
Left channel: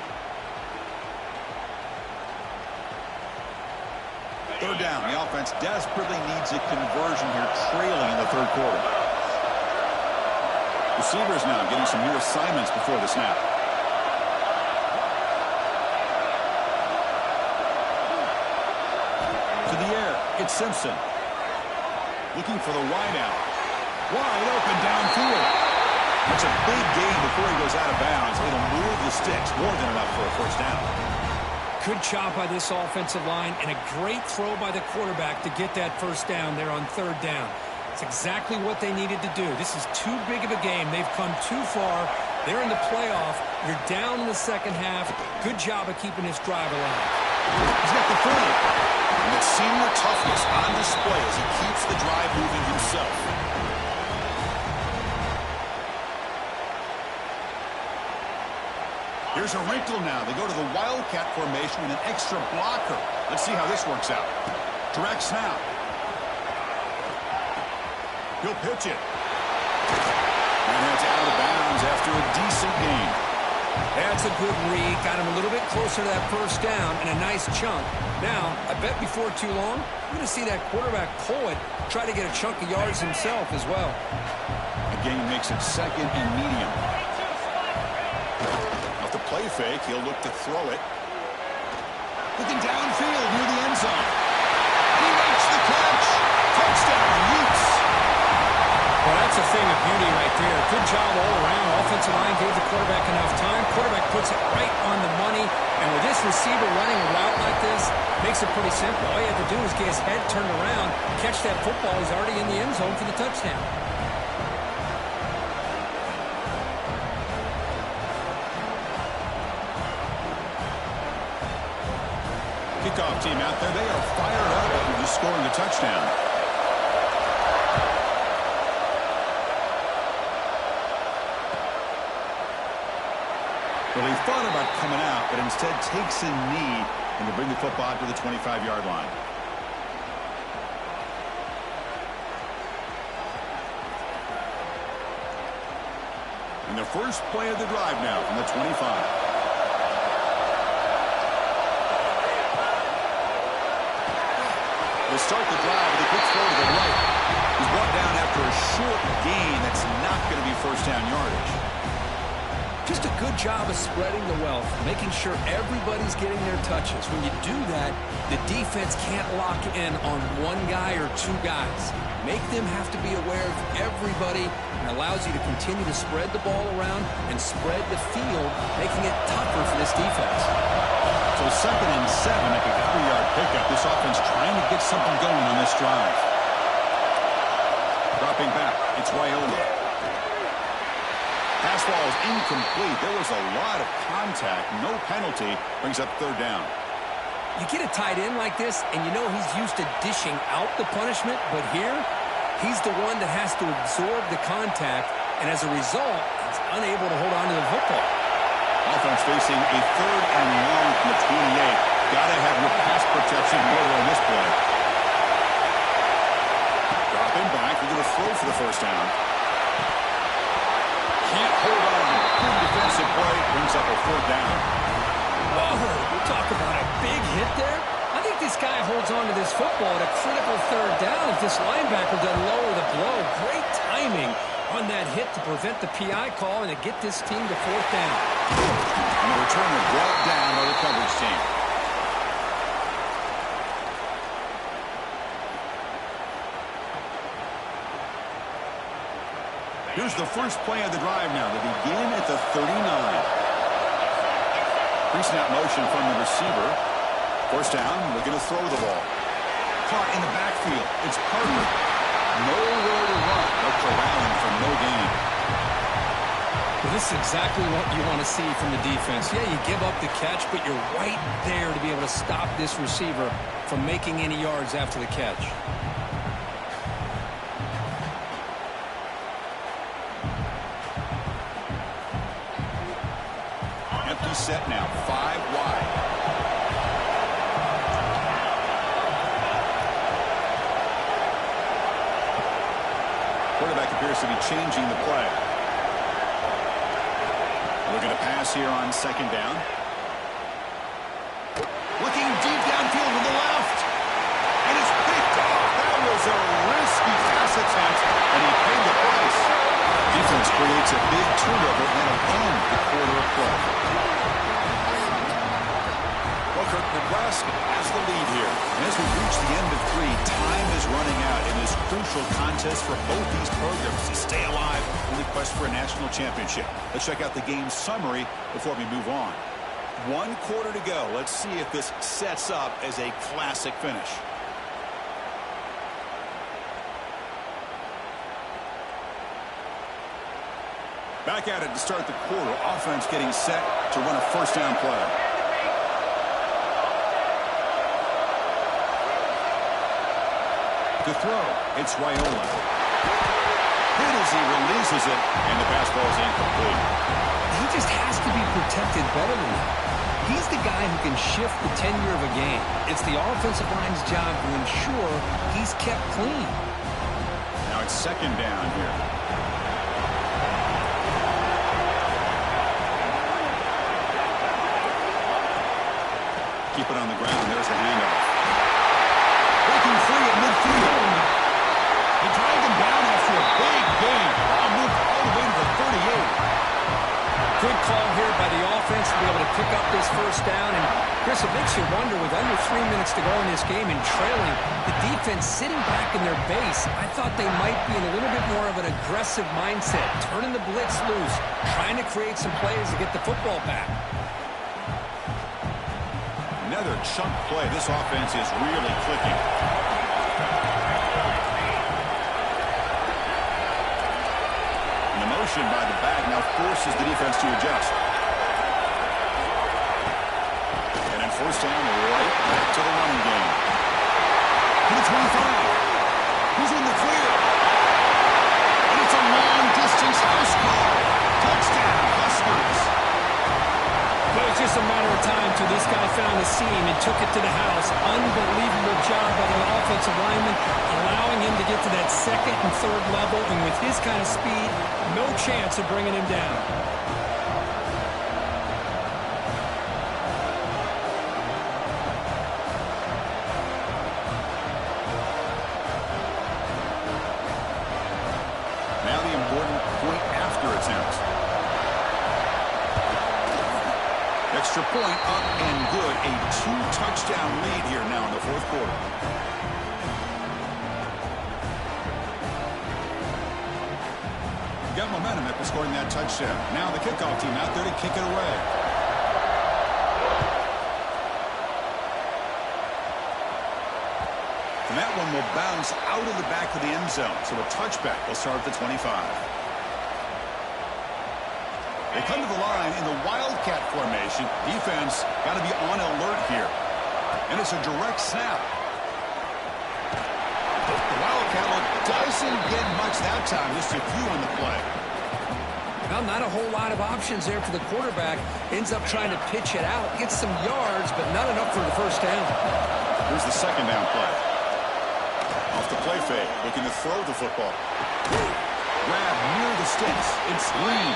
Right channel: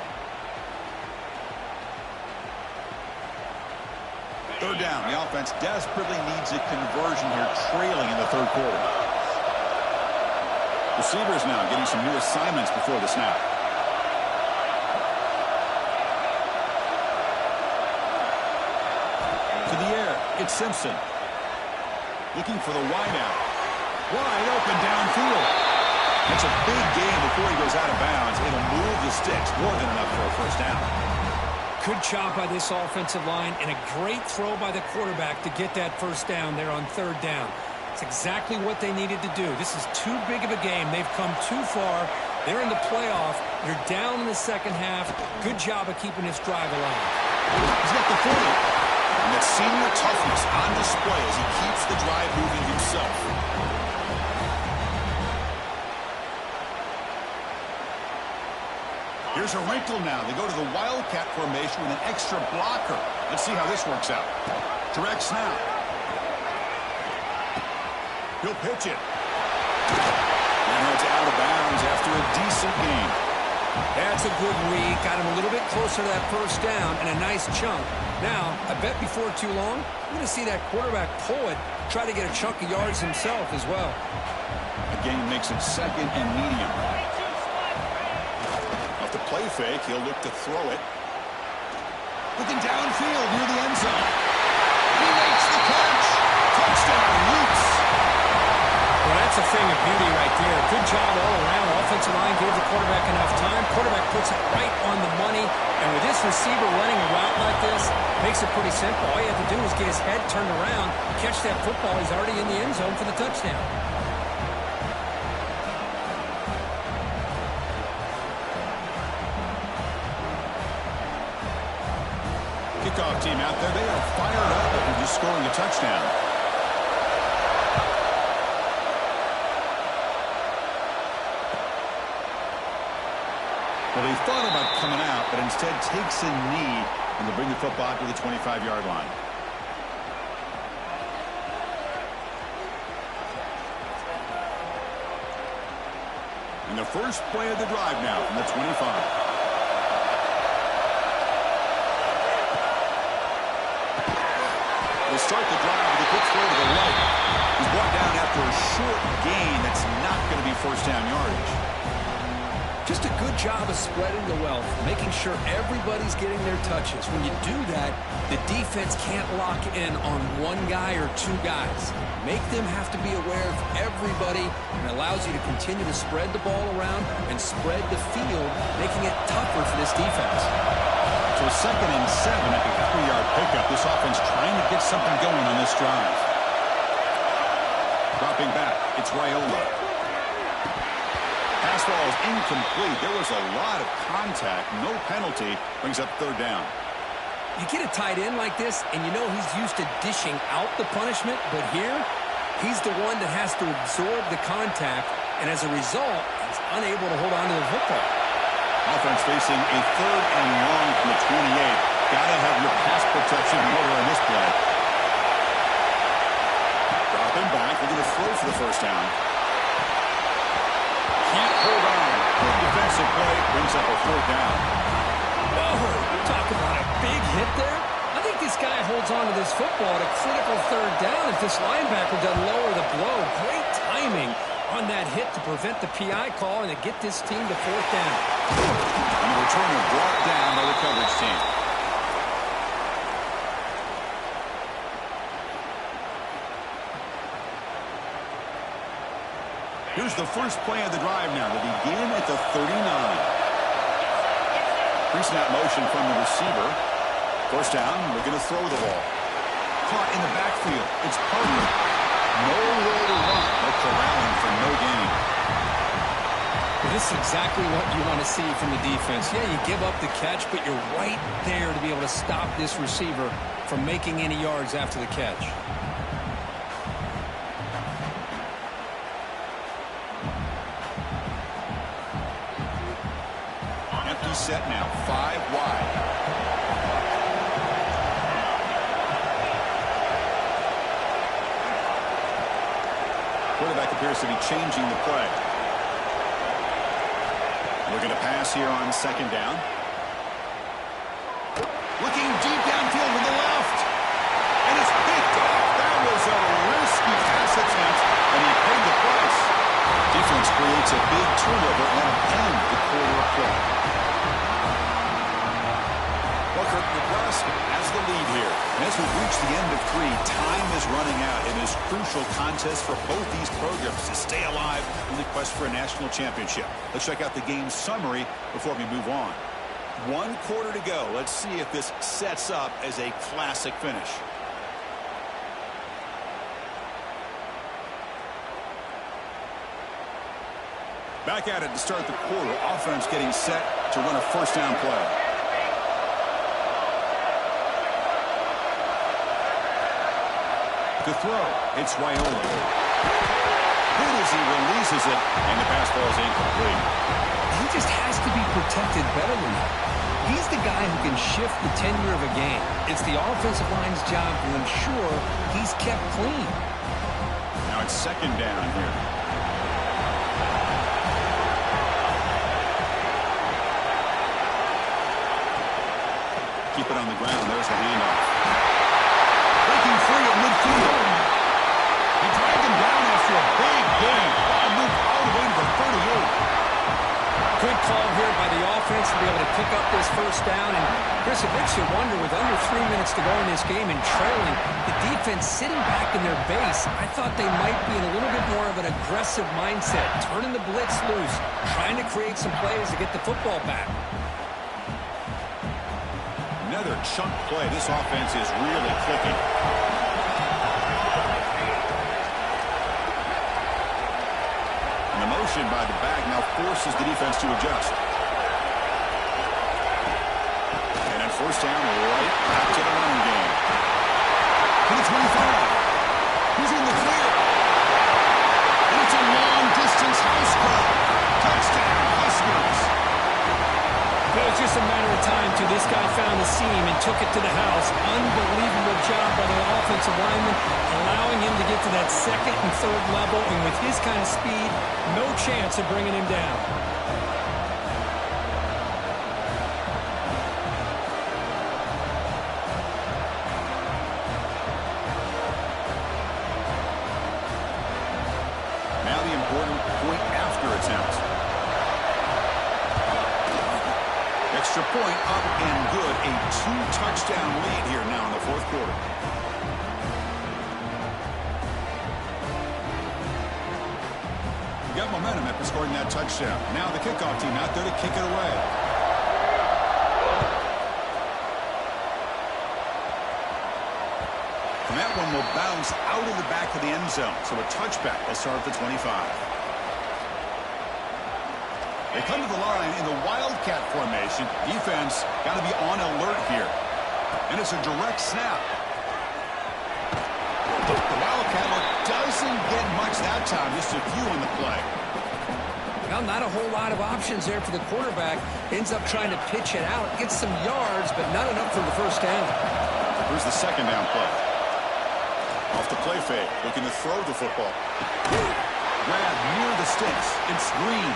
Third down. The offense desperately needs a conversion here, trailing in the third quarter. Receivers now getting some new assignments before the snap. To the air, it's Simpson. Looking for the wide out. Wide open downfield. That's a big gain before he goes out of bounds. It'll move the sticks, more than enough for a first down. Good job by this offensive line and a great throw by the quarterback to get that first down there on third down. It's exactly what they needed to do. This is too big of a game. They've come too far. They're in the playoff. You're down in the second half. Good job of keeping this drive alive. He's got the 40. And that senior toughness on display as he keeps the drive moving himself. Here's a wrinkle now. They go to the Wildcat formation with an extra blocker. Let's see how this works out. Direct snap. He'll pitch it. And it's out of bounds after a decent gain. That's a good read. Got him a little bit closer to that first down and a nice chunk. Now, I bet before too long, we're going to see that quarterback pull it, try to get a chunk of yards himself as well. A gain makes it second and medium. Off the play fake, he'll look to throw it. Looking downfield near the end zone. He makes the catch. Touchdown, Utes. Well, that's a thing of beauty right there. Good job all around. Offensive line gave the quarterback enough time. Quarterback puts it right on the money. And with this receiver running a route like this, makes it pretty simple. All you have to do is get his head turned around, catch that football. He's already in the end zone for the touchdown. Kickoff team out there. They are fired up after just scoring a touchdown. Well, he thought about coming out, but instead takes a knee and to bring the football to the 25-yard line. And the first play of the drive now from the 25. They start the drive with a quick throw to the right. He's brought down after a short gain that's not going to be first down yardage. Just a good job of spreading the wealth, making sure everybody's getting their touches. When you do that, the defense can't lock in on one guy or two guys. Make them have to be aware of everybody, and allows you to continue to spread the ball around and spread the field, making it tougher for this defense. So 2nd and 7 at the 3-yard pickup. This offense trying to get something going on this drive. Dropping back, it's Raiola. Pass ball is incomplete. There was a lot of contact. No penalty. Brings up 3rd down. You get a tight end like this, and you know he's used to dishing out the punishment, but here, he's the one that has to absorb the contact, and as a result, he's unable to hold on to the football. Offense facing a 3rd and long from the 28. Got to have your pass protection in order on this play. Dropping back. Looking to throw for the first down. Can't hold on. Good defensive play. Brings up a 4th down. Whoa, talk about a big hit there. I think this guy holds on to this football at a critical 3rd down if this linebacker doesn't lower the blow. Great timing on that hit to prevent the PI call and to get this team to 4th down. And the returner brought down by the coverage team. Here's the first play of the drive now. They begin at the 39. Pre-snap motion from the receiver. First down, looking to throw the ball. Caught in the backfield. It's Parker. Nowhere to run, but corralling for no gain. Well, this is exactly what you want to see from the defense. Yeah, you give up the catch, but you're right there to be able to stop this receiver from making any yards after the catch. Empty set now, 5 wide. Quarterback appears to be changing the play. Looking to pass here on 2nd down. Looking deep downfield to the left. And it's picked off. That was a risky pass attempt, and he paid the price. Defense creates a big turnover, and it'll end the quarter of play. Well, Kirk, Nebraska has the lead here. And as we reach the end of 3, time is running out in this crucial contest for both these programs to stay alive in the quest for a national championship. Let's check out the game summary before we move on. 1 quarter to go. Let's see if this sets up as a classic finish. Back at it to start the quarter. Offense getting set to run a first down play. To throw, it's Raiola. Hit as he releases it, and the pass ball is incomplete. He just has to be protected better than that. He's the guy who can shift the tenure of a game. It's the offensive line's job to ensure he's kept clean. Now it's second down here. Keep it on the ground. There's the handoff. Breaking free at midfield. They drag him down after a big gain. Ball moved all the way to the 38. Good call here by the offense to be able to pick up this first down. And, Chris, it makes you wonder, with under 3 minutes to go in this game and trailing, the defense sitting back in their base, I thought they might be in a little bit more of an aggressive mindset, turning the blitz loose, trying to create some plays to get the football back. Another chunk play. This offense is really clicking. And the motion by the back now forces the defense to adjust. And then first down, right back to the running game. To the 25. Who's in the clear? And it's a long-distance house call. Touchdown, Huskers. It was just a matter of time till this guy found a seam and took it to the house. Unbelievable job by the offensive lineman, allowing him to get to that second and third level. And with his kind of speed, no chance of bringing him down. Now the important point after attempt. Extra point up and good. A 2-touchdown lead here now in the fourth quarter. Got momentum after scoring that touchdown. Now the kickoff team out there to kick it away. And that one will bounce out of the back of the end zone. So a touchback will start at the 25. They come to the line in the Wildcat formation. Defense got to be on alert here. And it's a direct snap. The Wildcat look doesn't get much that time. Just a few on the play. Well, not a whole lot of options there for the quarterback. Ends up trying to pitch it out. Gets some yards, but not enough for the first down. Here's the second down play. Off the play fake. Looking to throw the football. Grab near the sticks. It's Green.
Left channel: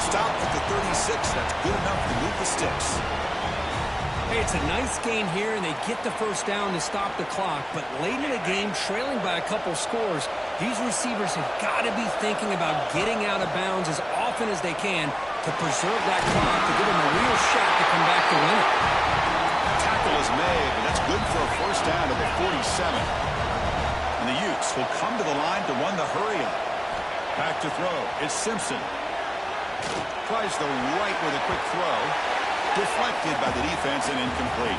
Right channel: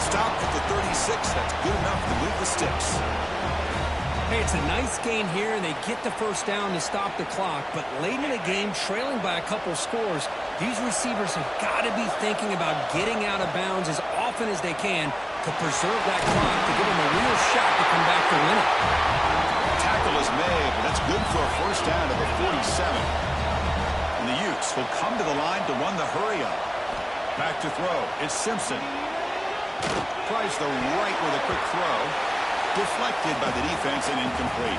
Stopped at the 36. That's good enough to move the sticks. Hey, it's a nice gain here, and they get the first down to stop the clock. But late in the game, trailing by a couple scores, these receivers have got to be thinking about getting out of bounds as often as they can to preserve that clock, to give them a real shot to come back to win it. Tackle is made, but that's good for a first down to the 47. And the Utes will come to the line to run the hurry up. Back to throw. It's Simpson. Tries the right with a quick throw. Deflected by the defense and incomplete.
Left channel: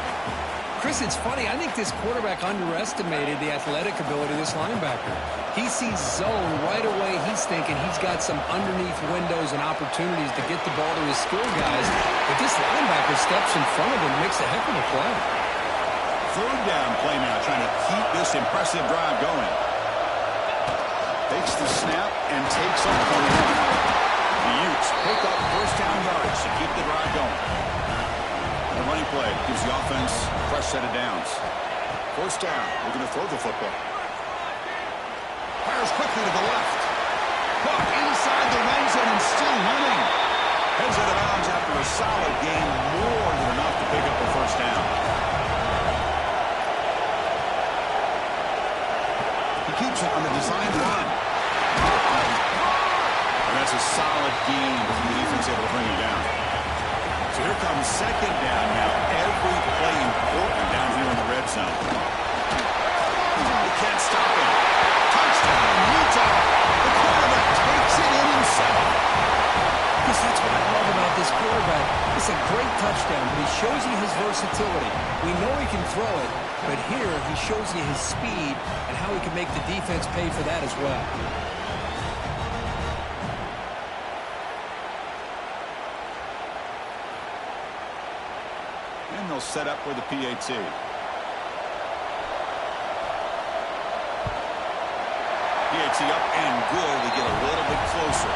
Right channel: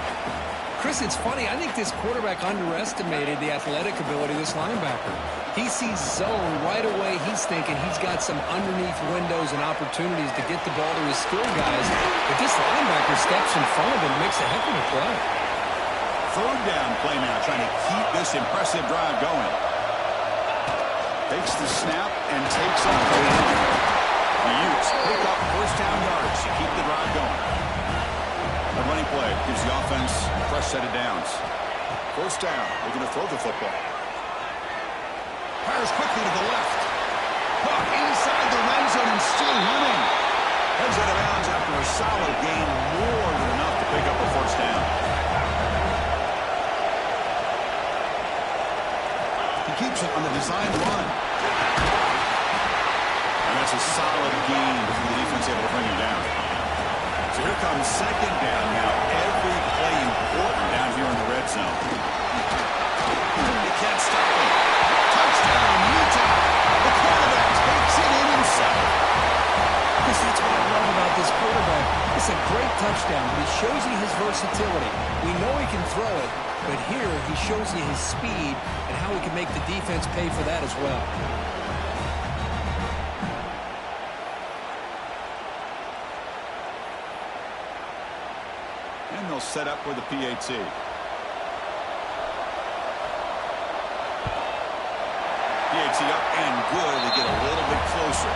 Chris, it's funny. I think this quarterback underestimated the athletic ability of this linebacker. He sees zone right away. He's thinking he's got some underneath windows and opportunities to get the ball to his skill guys. But this linebacker steps in front of him, makes a heck of a play. Third down play now, trying to keep this impressive drive going. Takes the snap and takes off the run. The Utes pick up first down yardage to keep the drive going. A running play gives the offense a fresh set of downs. First down, we're going to throw the football. Fires quickly to the left. Caught inside the red zone and still running. Heads out of bounds after a solid gain, more than enough to pick up a first down. He keeps it on the designed run. And that's a solid gain before the defense able to bring him down. So here comes second down now. Every play important down here in the red zone. They can't stop him. Touchdown, Utah. The quarterback takes it in himself. Because that's what I love about this quarterback. It's a great touchdown, but he shows you his versatility. We know he can throw it, but here he shows you his speed and how he can make the defense pay for that as well. And they'll set up for the PAT. PAT up and good. They get a little bit closer.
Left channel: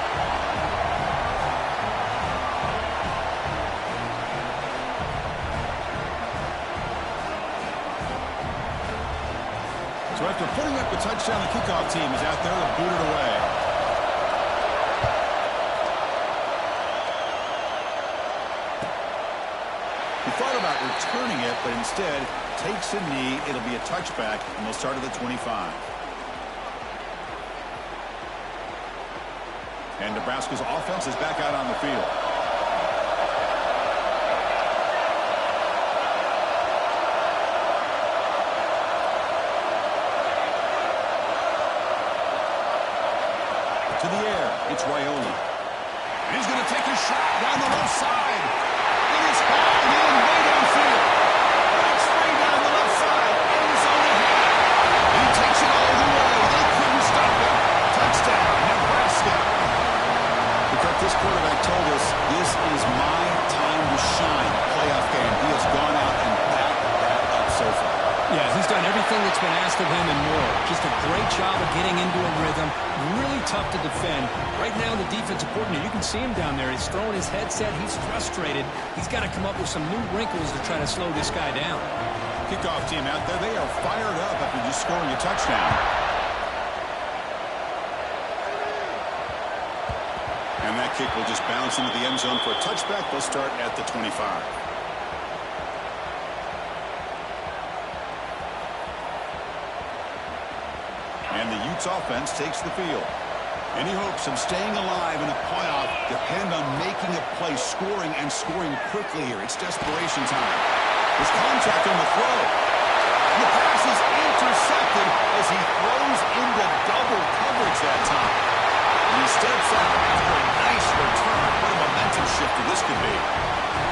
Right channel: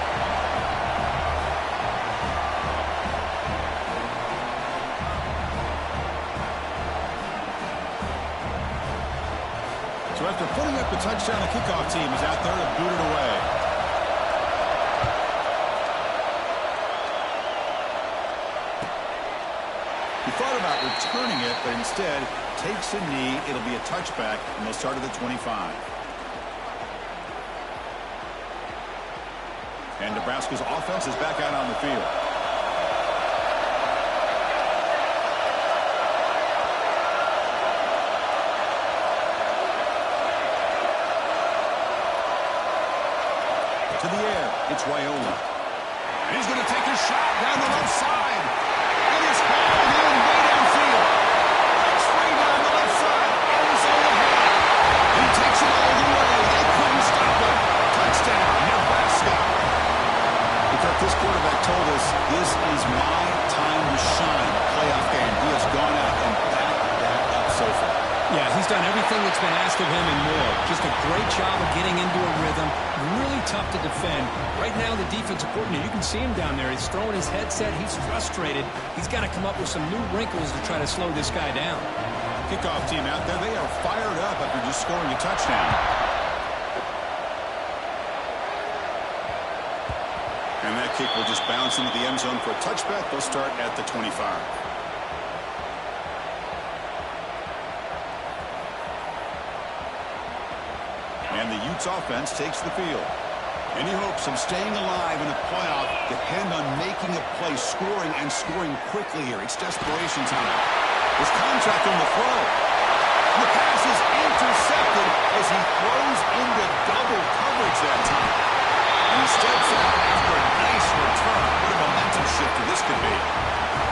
So after putting up a touchdown, the kickoff team is out there to boot it away. He thought about returning it, but instead takes a knee. It'll be a touchback, and they'll start at the 25. And Nebraska's offense is back out on the field. To the air, it's Raiola. And he's going to take a shot down the left side. And it's hauled in way downfield. Breaks free down the left side. End zone ahead. And he takes it all the way. They couldn't stop him. Touchdown, Nebraska. Kirk, this quarterback told us this is my time to shine. Playoff game. He has gone out and backed that up so far. Yeah, he's done everything that's been asked of him and more. Just a great job of getting into a rhythm. Really tough to defend. Right now, the defensive coordinator, you can see him down there. He's throwing his headset. He's frustrated. He's got to come up with some new wrinkles to try to slow this guy down. Kickoff team out there. They are fired up after just scoring a touchdown. And that kick will just bounce into the end zone for a touchback. They'll start at the 25. And the Utes offense takes the field. Any hopes of staying alive in a playoff depend on making a play, scoring, and scoring quickly here. It's desperation time. There's contact on the throw. And the pass is intercepted as he throws into double coverage that time. And he steps out after a nice return. What a momentum shifter this could be.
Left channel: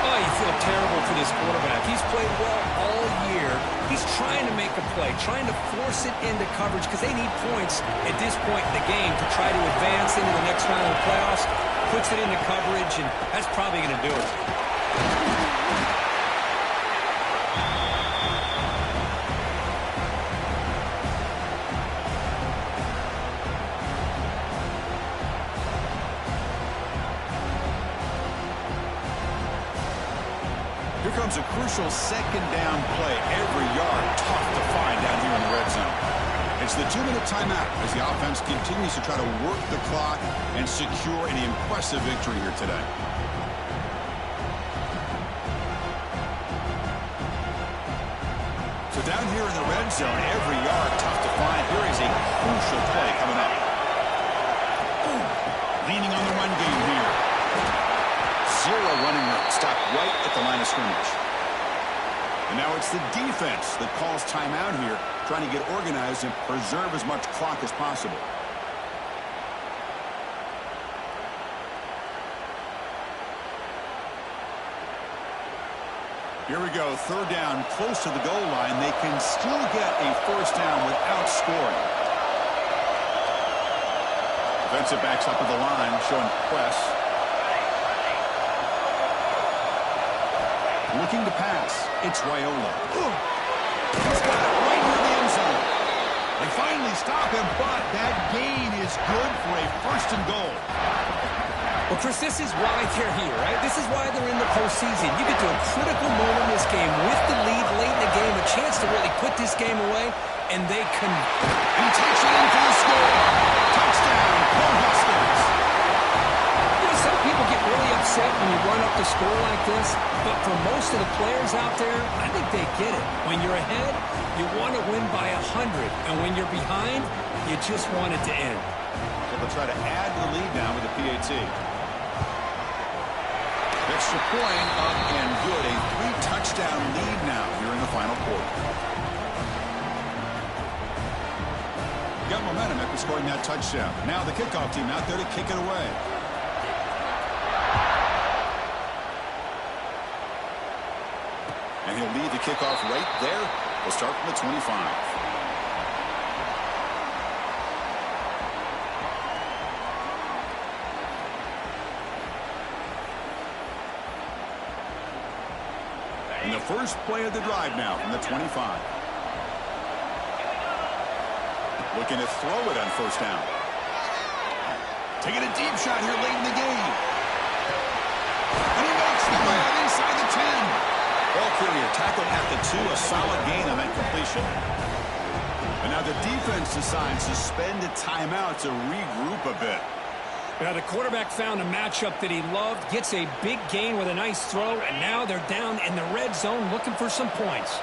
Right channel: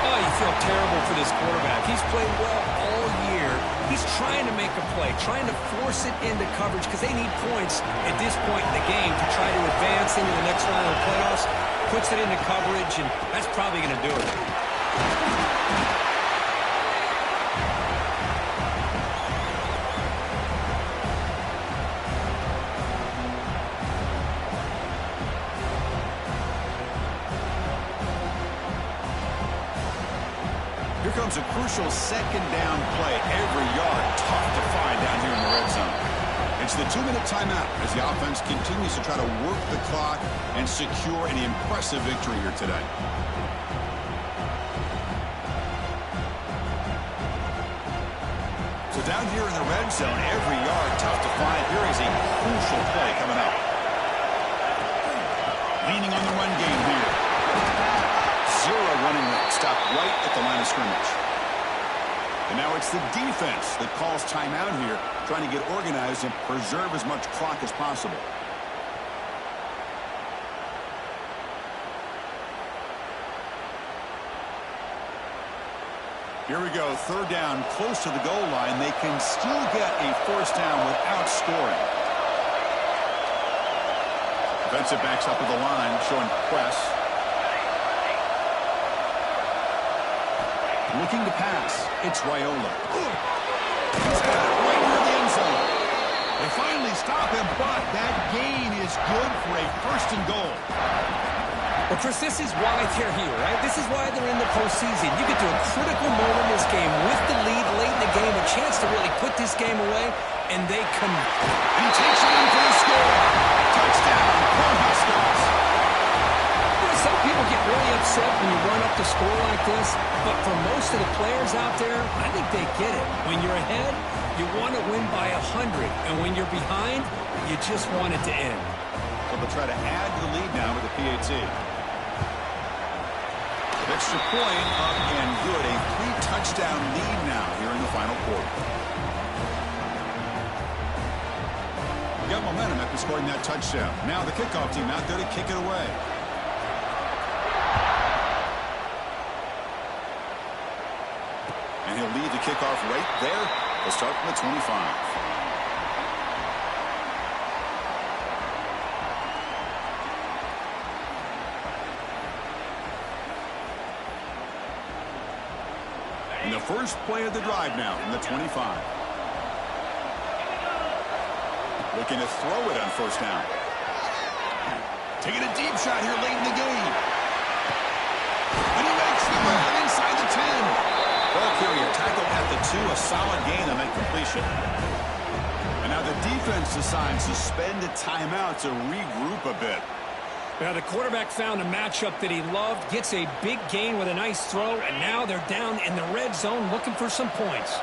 Oh, you feel terrible for this quarterback. He's played well all year. He's trying to make a play, trying to force it into coverage because they need points at this point in the game to try to advance into the next round of the playoffs. Puts it into coverage, and that's probably going to do it. Here comes a crucial second down play. Every yard tough to find down here in the red zone. It's the 2-minute timeout as the offense continues to try to work the clock and secure an impressive victory here today. So down here in the red zone, every yard tough to find. Here is a crucial play coming up. Leaning on the run game here. Zero running room. Stopped right at the line of scrimmage. And now it's the defense that calls timeout here, trying to get organized and preserve as much clock as possible. Here we go. Third down, close to the goal line. They can still get a first down without scoring. Defensive backs up at the line, showing press. Looking to pass. It's Raiola. He's got it right near the end zone. They finally stop him, but that gain is good for a first and goal. Well, Chris, this is why they're here, right? This is why they're in the postseason. You get to a critical moment in this game with the lead late in the game, a chance to really put this game away, and they can. And he takes it in for the score. Touchdown, Cornhuskers. You know, some people get really upset when you run up the score like this, but for most of the players out there, I think they get it. When you're ahead, you want to win by 100, and when you're behind, you just want it to end. So they'll try to add to the lead now with the PAT. Extra point up and good. A 3-touchdown lead now here in the final quarter. Got momentum after scoring that touchdown. Now the kickoff team out there to kick it away. And he'll lead the kickoff right there. They'll start from the 25. And the first play of the drive now from the 25. Looking to throw it on first down. Taking a deep shot here late in the game. And he makes the grab inside the 10. Ball carrier tackled at the 2. A solid gain on that completion. And now the defense decides to spend a timeout to regroup a bit. Now the quarterback found a matchup that he loved, gets a big gain with a nice throw, and now they're down in the red zone looking for some points.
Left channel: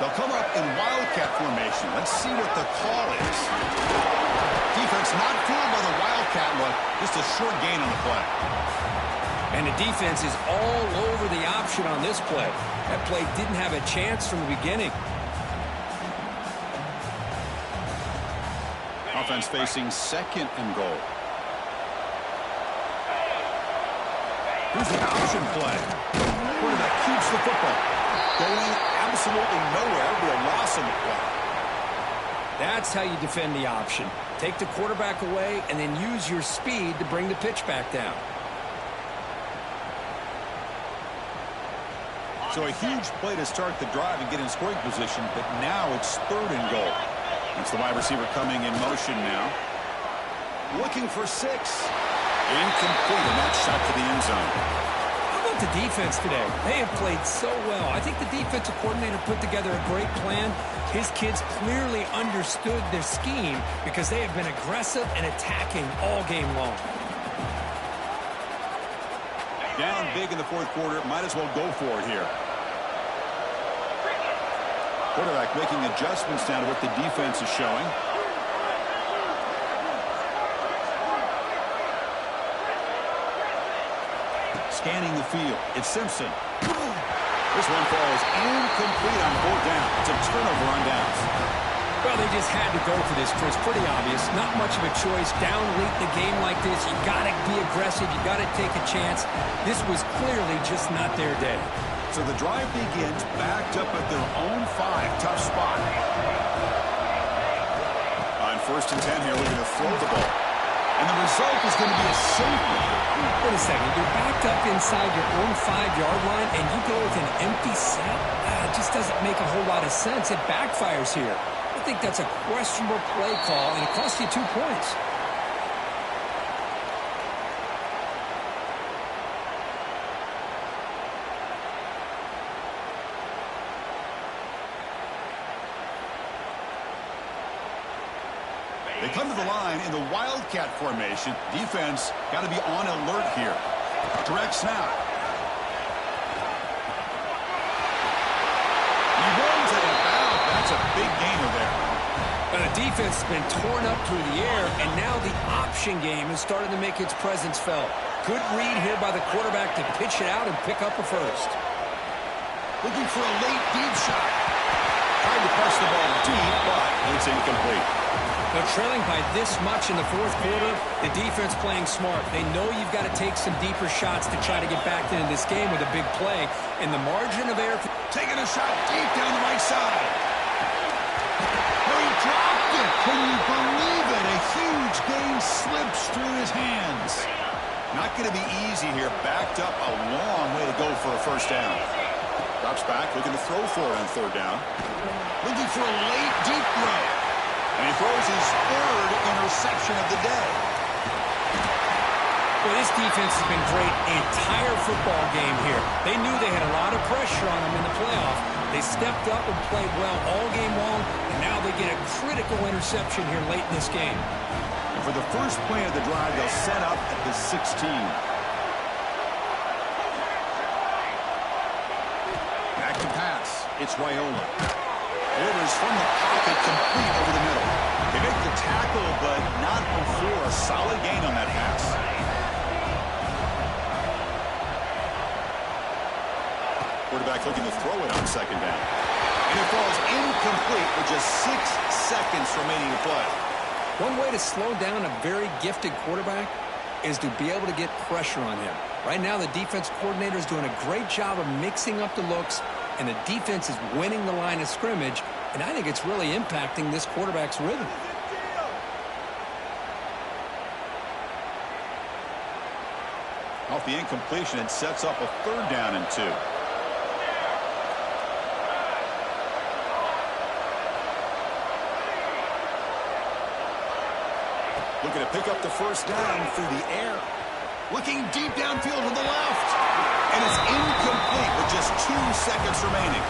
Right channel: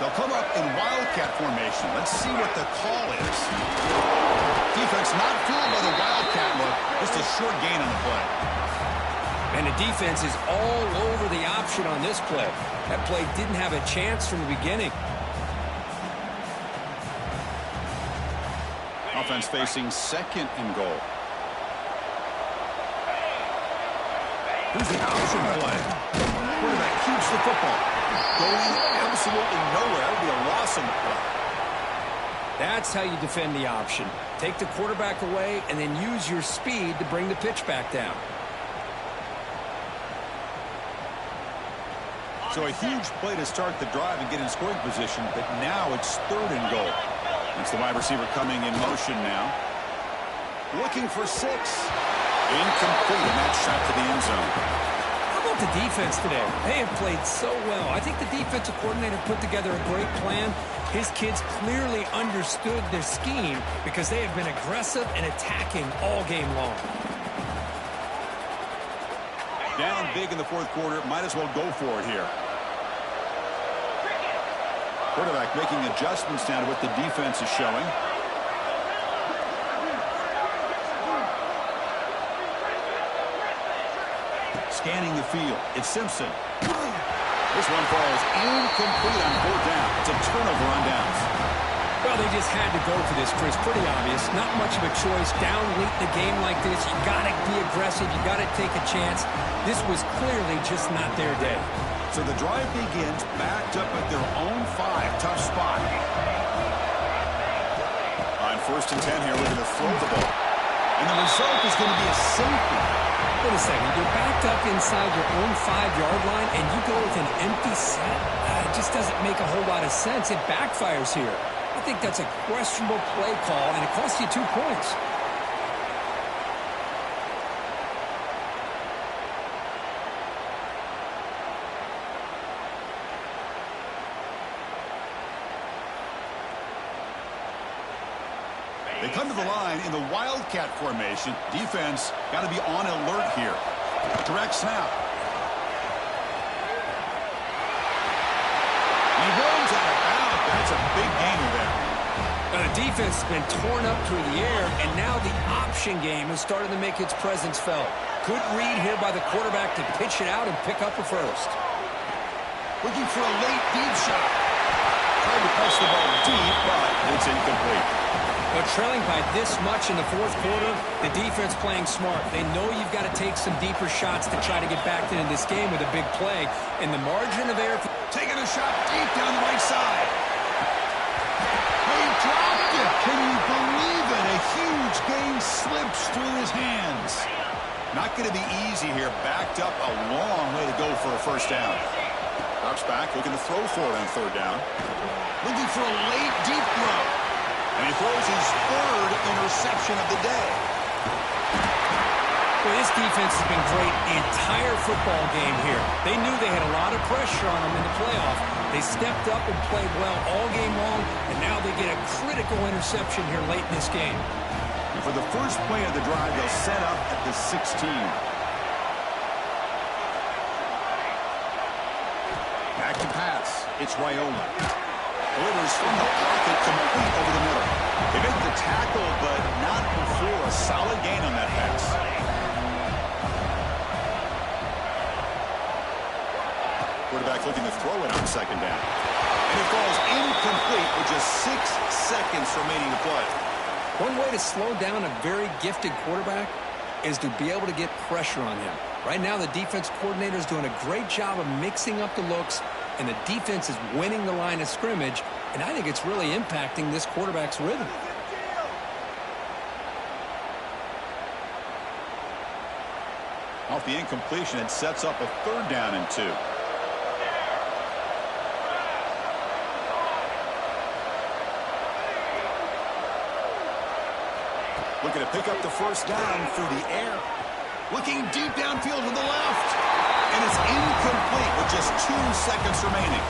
They'll come up in wildcat formation. Let's see what the call is. Defense not fooled by the wildcat look. Just a short gain on the play. And the defense is all over the option on this play. That play didn't have a chance from the beginning. Offense facing second and goal. Here's the option play. Quarterback keeps the football. Going absolutely nowhere. It'll be a loss on the play. That's how you defend the option. Take the quarterback away and then use your speed to bring the pitch back down. So a huge play to start the drive and get in scoring position, but now it's third and goal. That's the wide receiver coming in motion now. Looking for 6. Incomplete, and that shot to the end zone. How about the defense today? They have played so well. I think the defensive coordinator put together a great plan. His kids clearly understood their scheme because they have been aggressive and attacking all game long. Down big in the fourth quarter. Might as well go for it here. Quarterback making adjustments now to what the defense is showing. Scanning the field. It's Simpson. This one falls incomplete on 4th down. It's a turnover on downs. Well, they just had to go for this, Chris. Pretty obvious. Not much of a choice. Down late in the game like this, you got to be aggressive. You got to take a chance. This was clearly just not their day. So the drive begins backed up at their own 5. Tough spot. On 1st and 10 here, looking to throw the ball. And the result is going to be a safety. Wait a second. You're backed up inside your own 5-yard line, and you go with an empty set? It just doesn't make a whole lot of sense. It backfires here. I think that's a questionable play call, and it costs you 2 points. They come to the line in the wildcat formation. Defense got to be on alert here. Direct snap. He runs it about. That's a big gainer there. Now the defense has been torn up through the air, and now the option game is starting to make its presence felt. Good read here by the quarterback to pitch it out and pick up a first. Looking for a late deep shot. Tried to press the ball deep, but it's incomplete. But trailing by this much in the fourth quarter, the defense playing smart. They know you've got to take some deeper shots to try to get back into this game with a big play. And the margin of error... Taking a shot deep down the right side. Oh, he dropped it. Can you believe it? A huge gain slips through his hands. Not going to be easy here. Backed up a long way to go for a first down. Drops back, looking to throw for it on 3rd down. Looking for a late deep throw. And he throws his 3rd interception of the day. Well, this defense has been great the entire football game here. They knew they had a lot of pressure on them in the playoff. They stepped up and played well all game long, and now they get a critical interception here late in this game. And for the first play of the drive, they'll set up at the 16. Back to pass. It's Raiola. Delivers from the pocket, complete over the middle. They make the tackle, but not before a solid gain on that pass. Quarterback looking to throw it on 2nd down. And it falls incomplete with just 6 seconds remaining to play. One way to slow down a very gifted quarterback is to be able to get pressure on him. Right now, the defense coordinator is doing a great job of mixing up the looks, and the defense is winning the line of scrimmage, and I think it's really impacting this quarterback's rhythm. Off the incompletion, it sets up a 3rd down and 2. Looking to pick up the first down through the air. Looking deep downfield to the left. And it's incomplete with just 2 seconds remaining.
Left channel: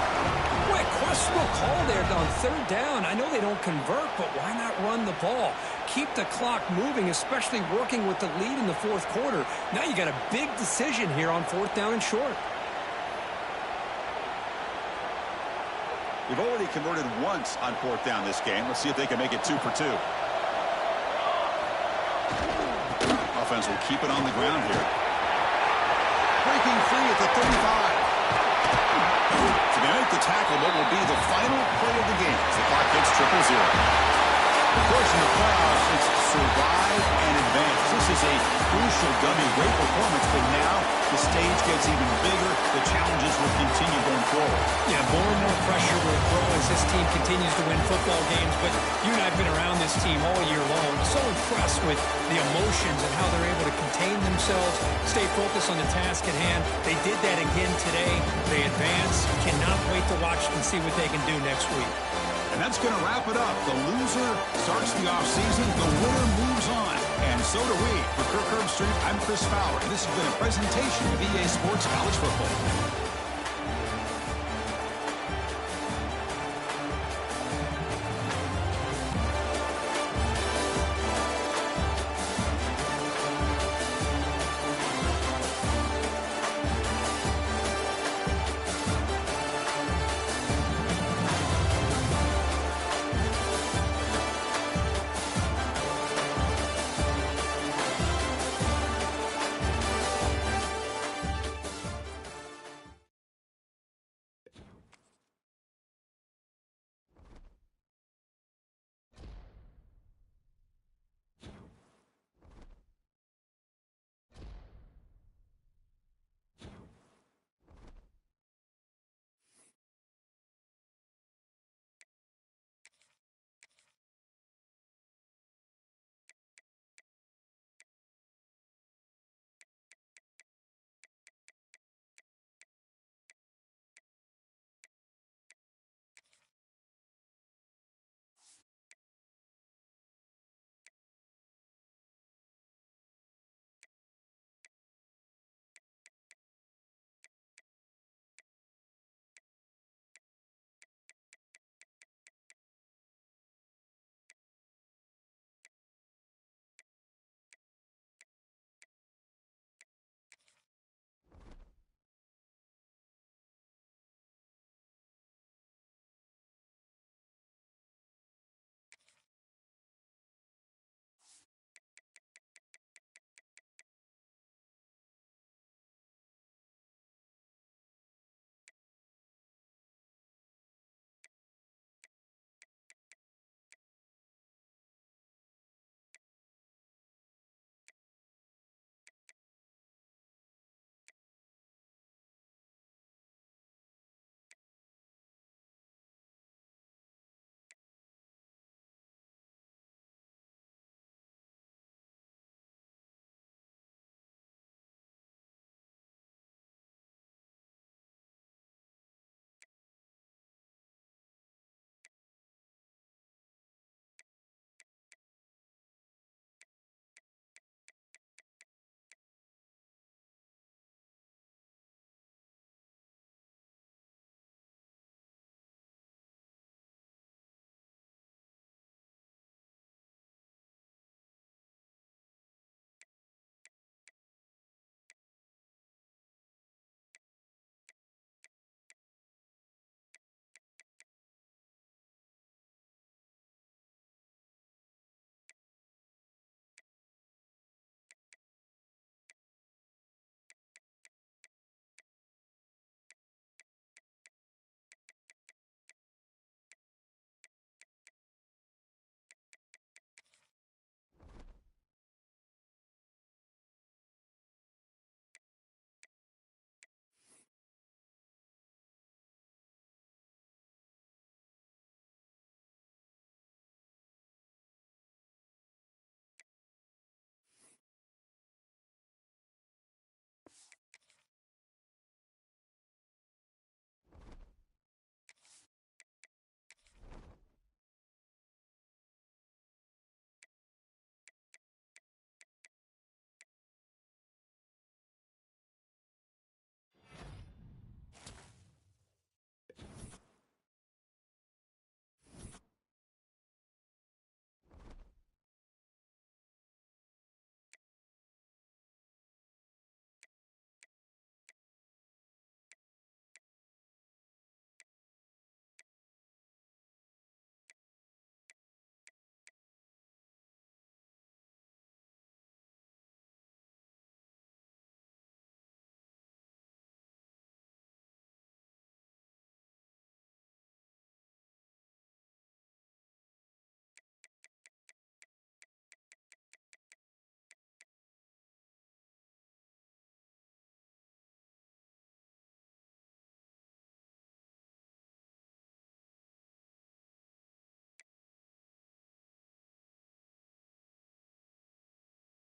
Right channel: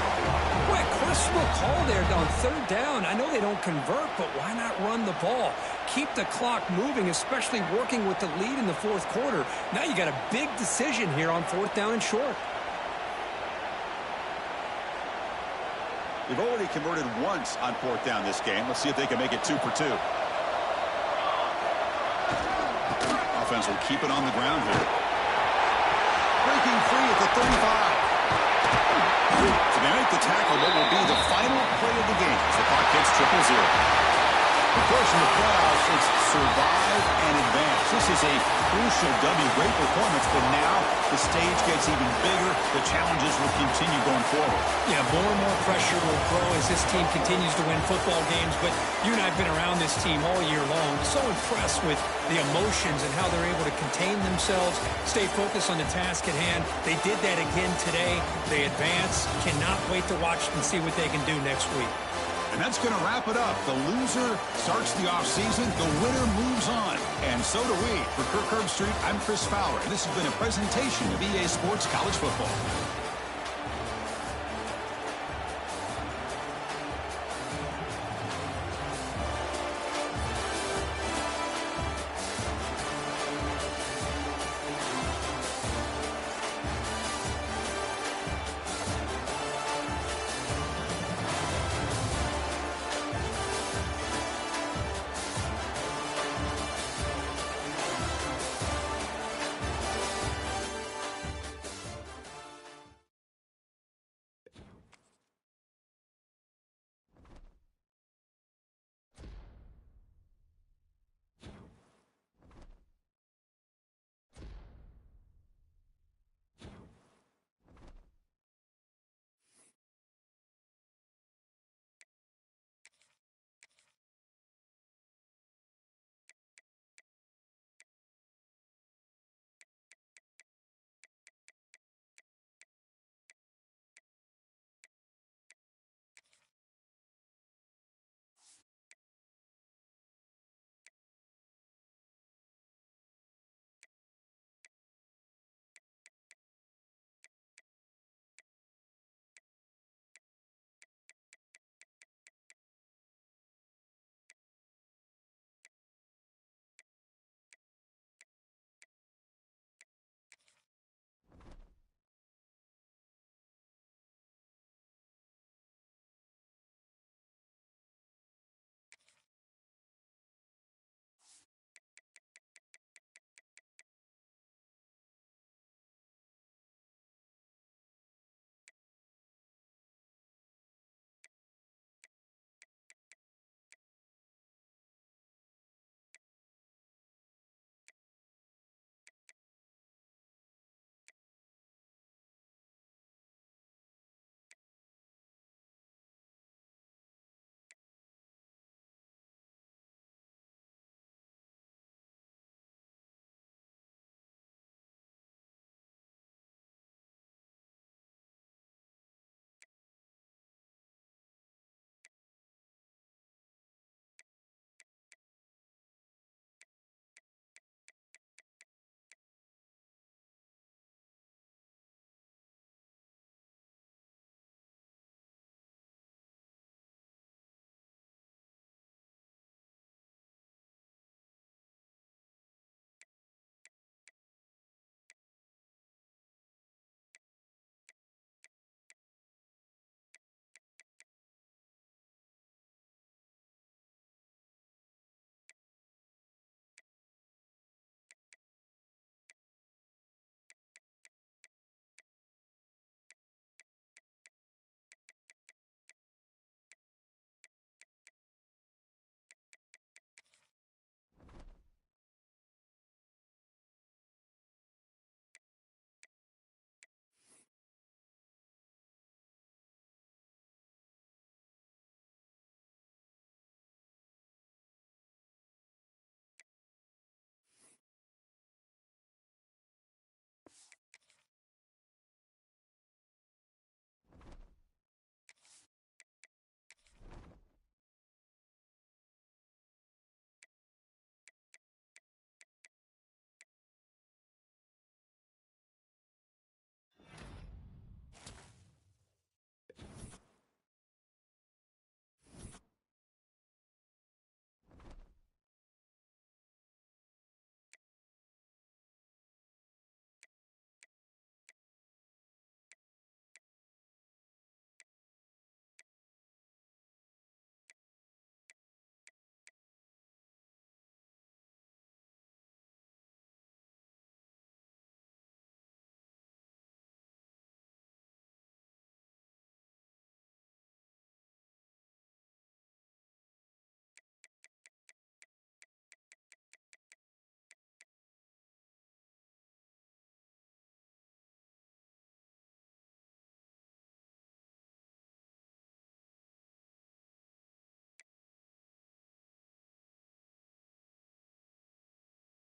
Boy, a questionable call there on third down. I know they don't convert, but why not run the ball? Keep the clock moving, especially working with the lead in the fourth quarter. Now you got a big decision here on fourth down and short. We've already converted once on fourth down this game. Let's see if they can make it 2 for 2. Offense will keep it on the ground here. Breaking free at the 35. So they make the tackle, what will be the final play of the game as the clock hits 0-0. Of course, in the playoffs, it's survive and advance. This is a crucial W. Great performance, but now the stage gets even bigger. The challenges will continue going forward. Yeah, more and more pressure will grow as this team continues to win football games. But you and I have been around this team all year long. So impressed with the emotions and how they're able to contain themselves, stay focused on the task at hand. They did that again today. They advance. Cannot wait to watch and see what they can do next week. And that's going to wrap it up. The loser starts the offseason. The winner moves on. And so do we. For Kirk Herbstreit, I'm Chris Fowler. This has been a presentation of EA Sports College Football.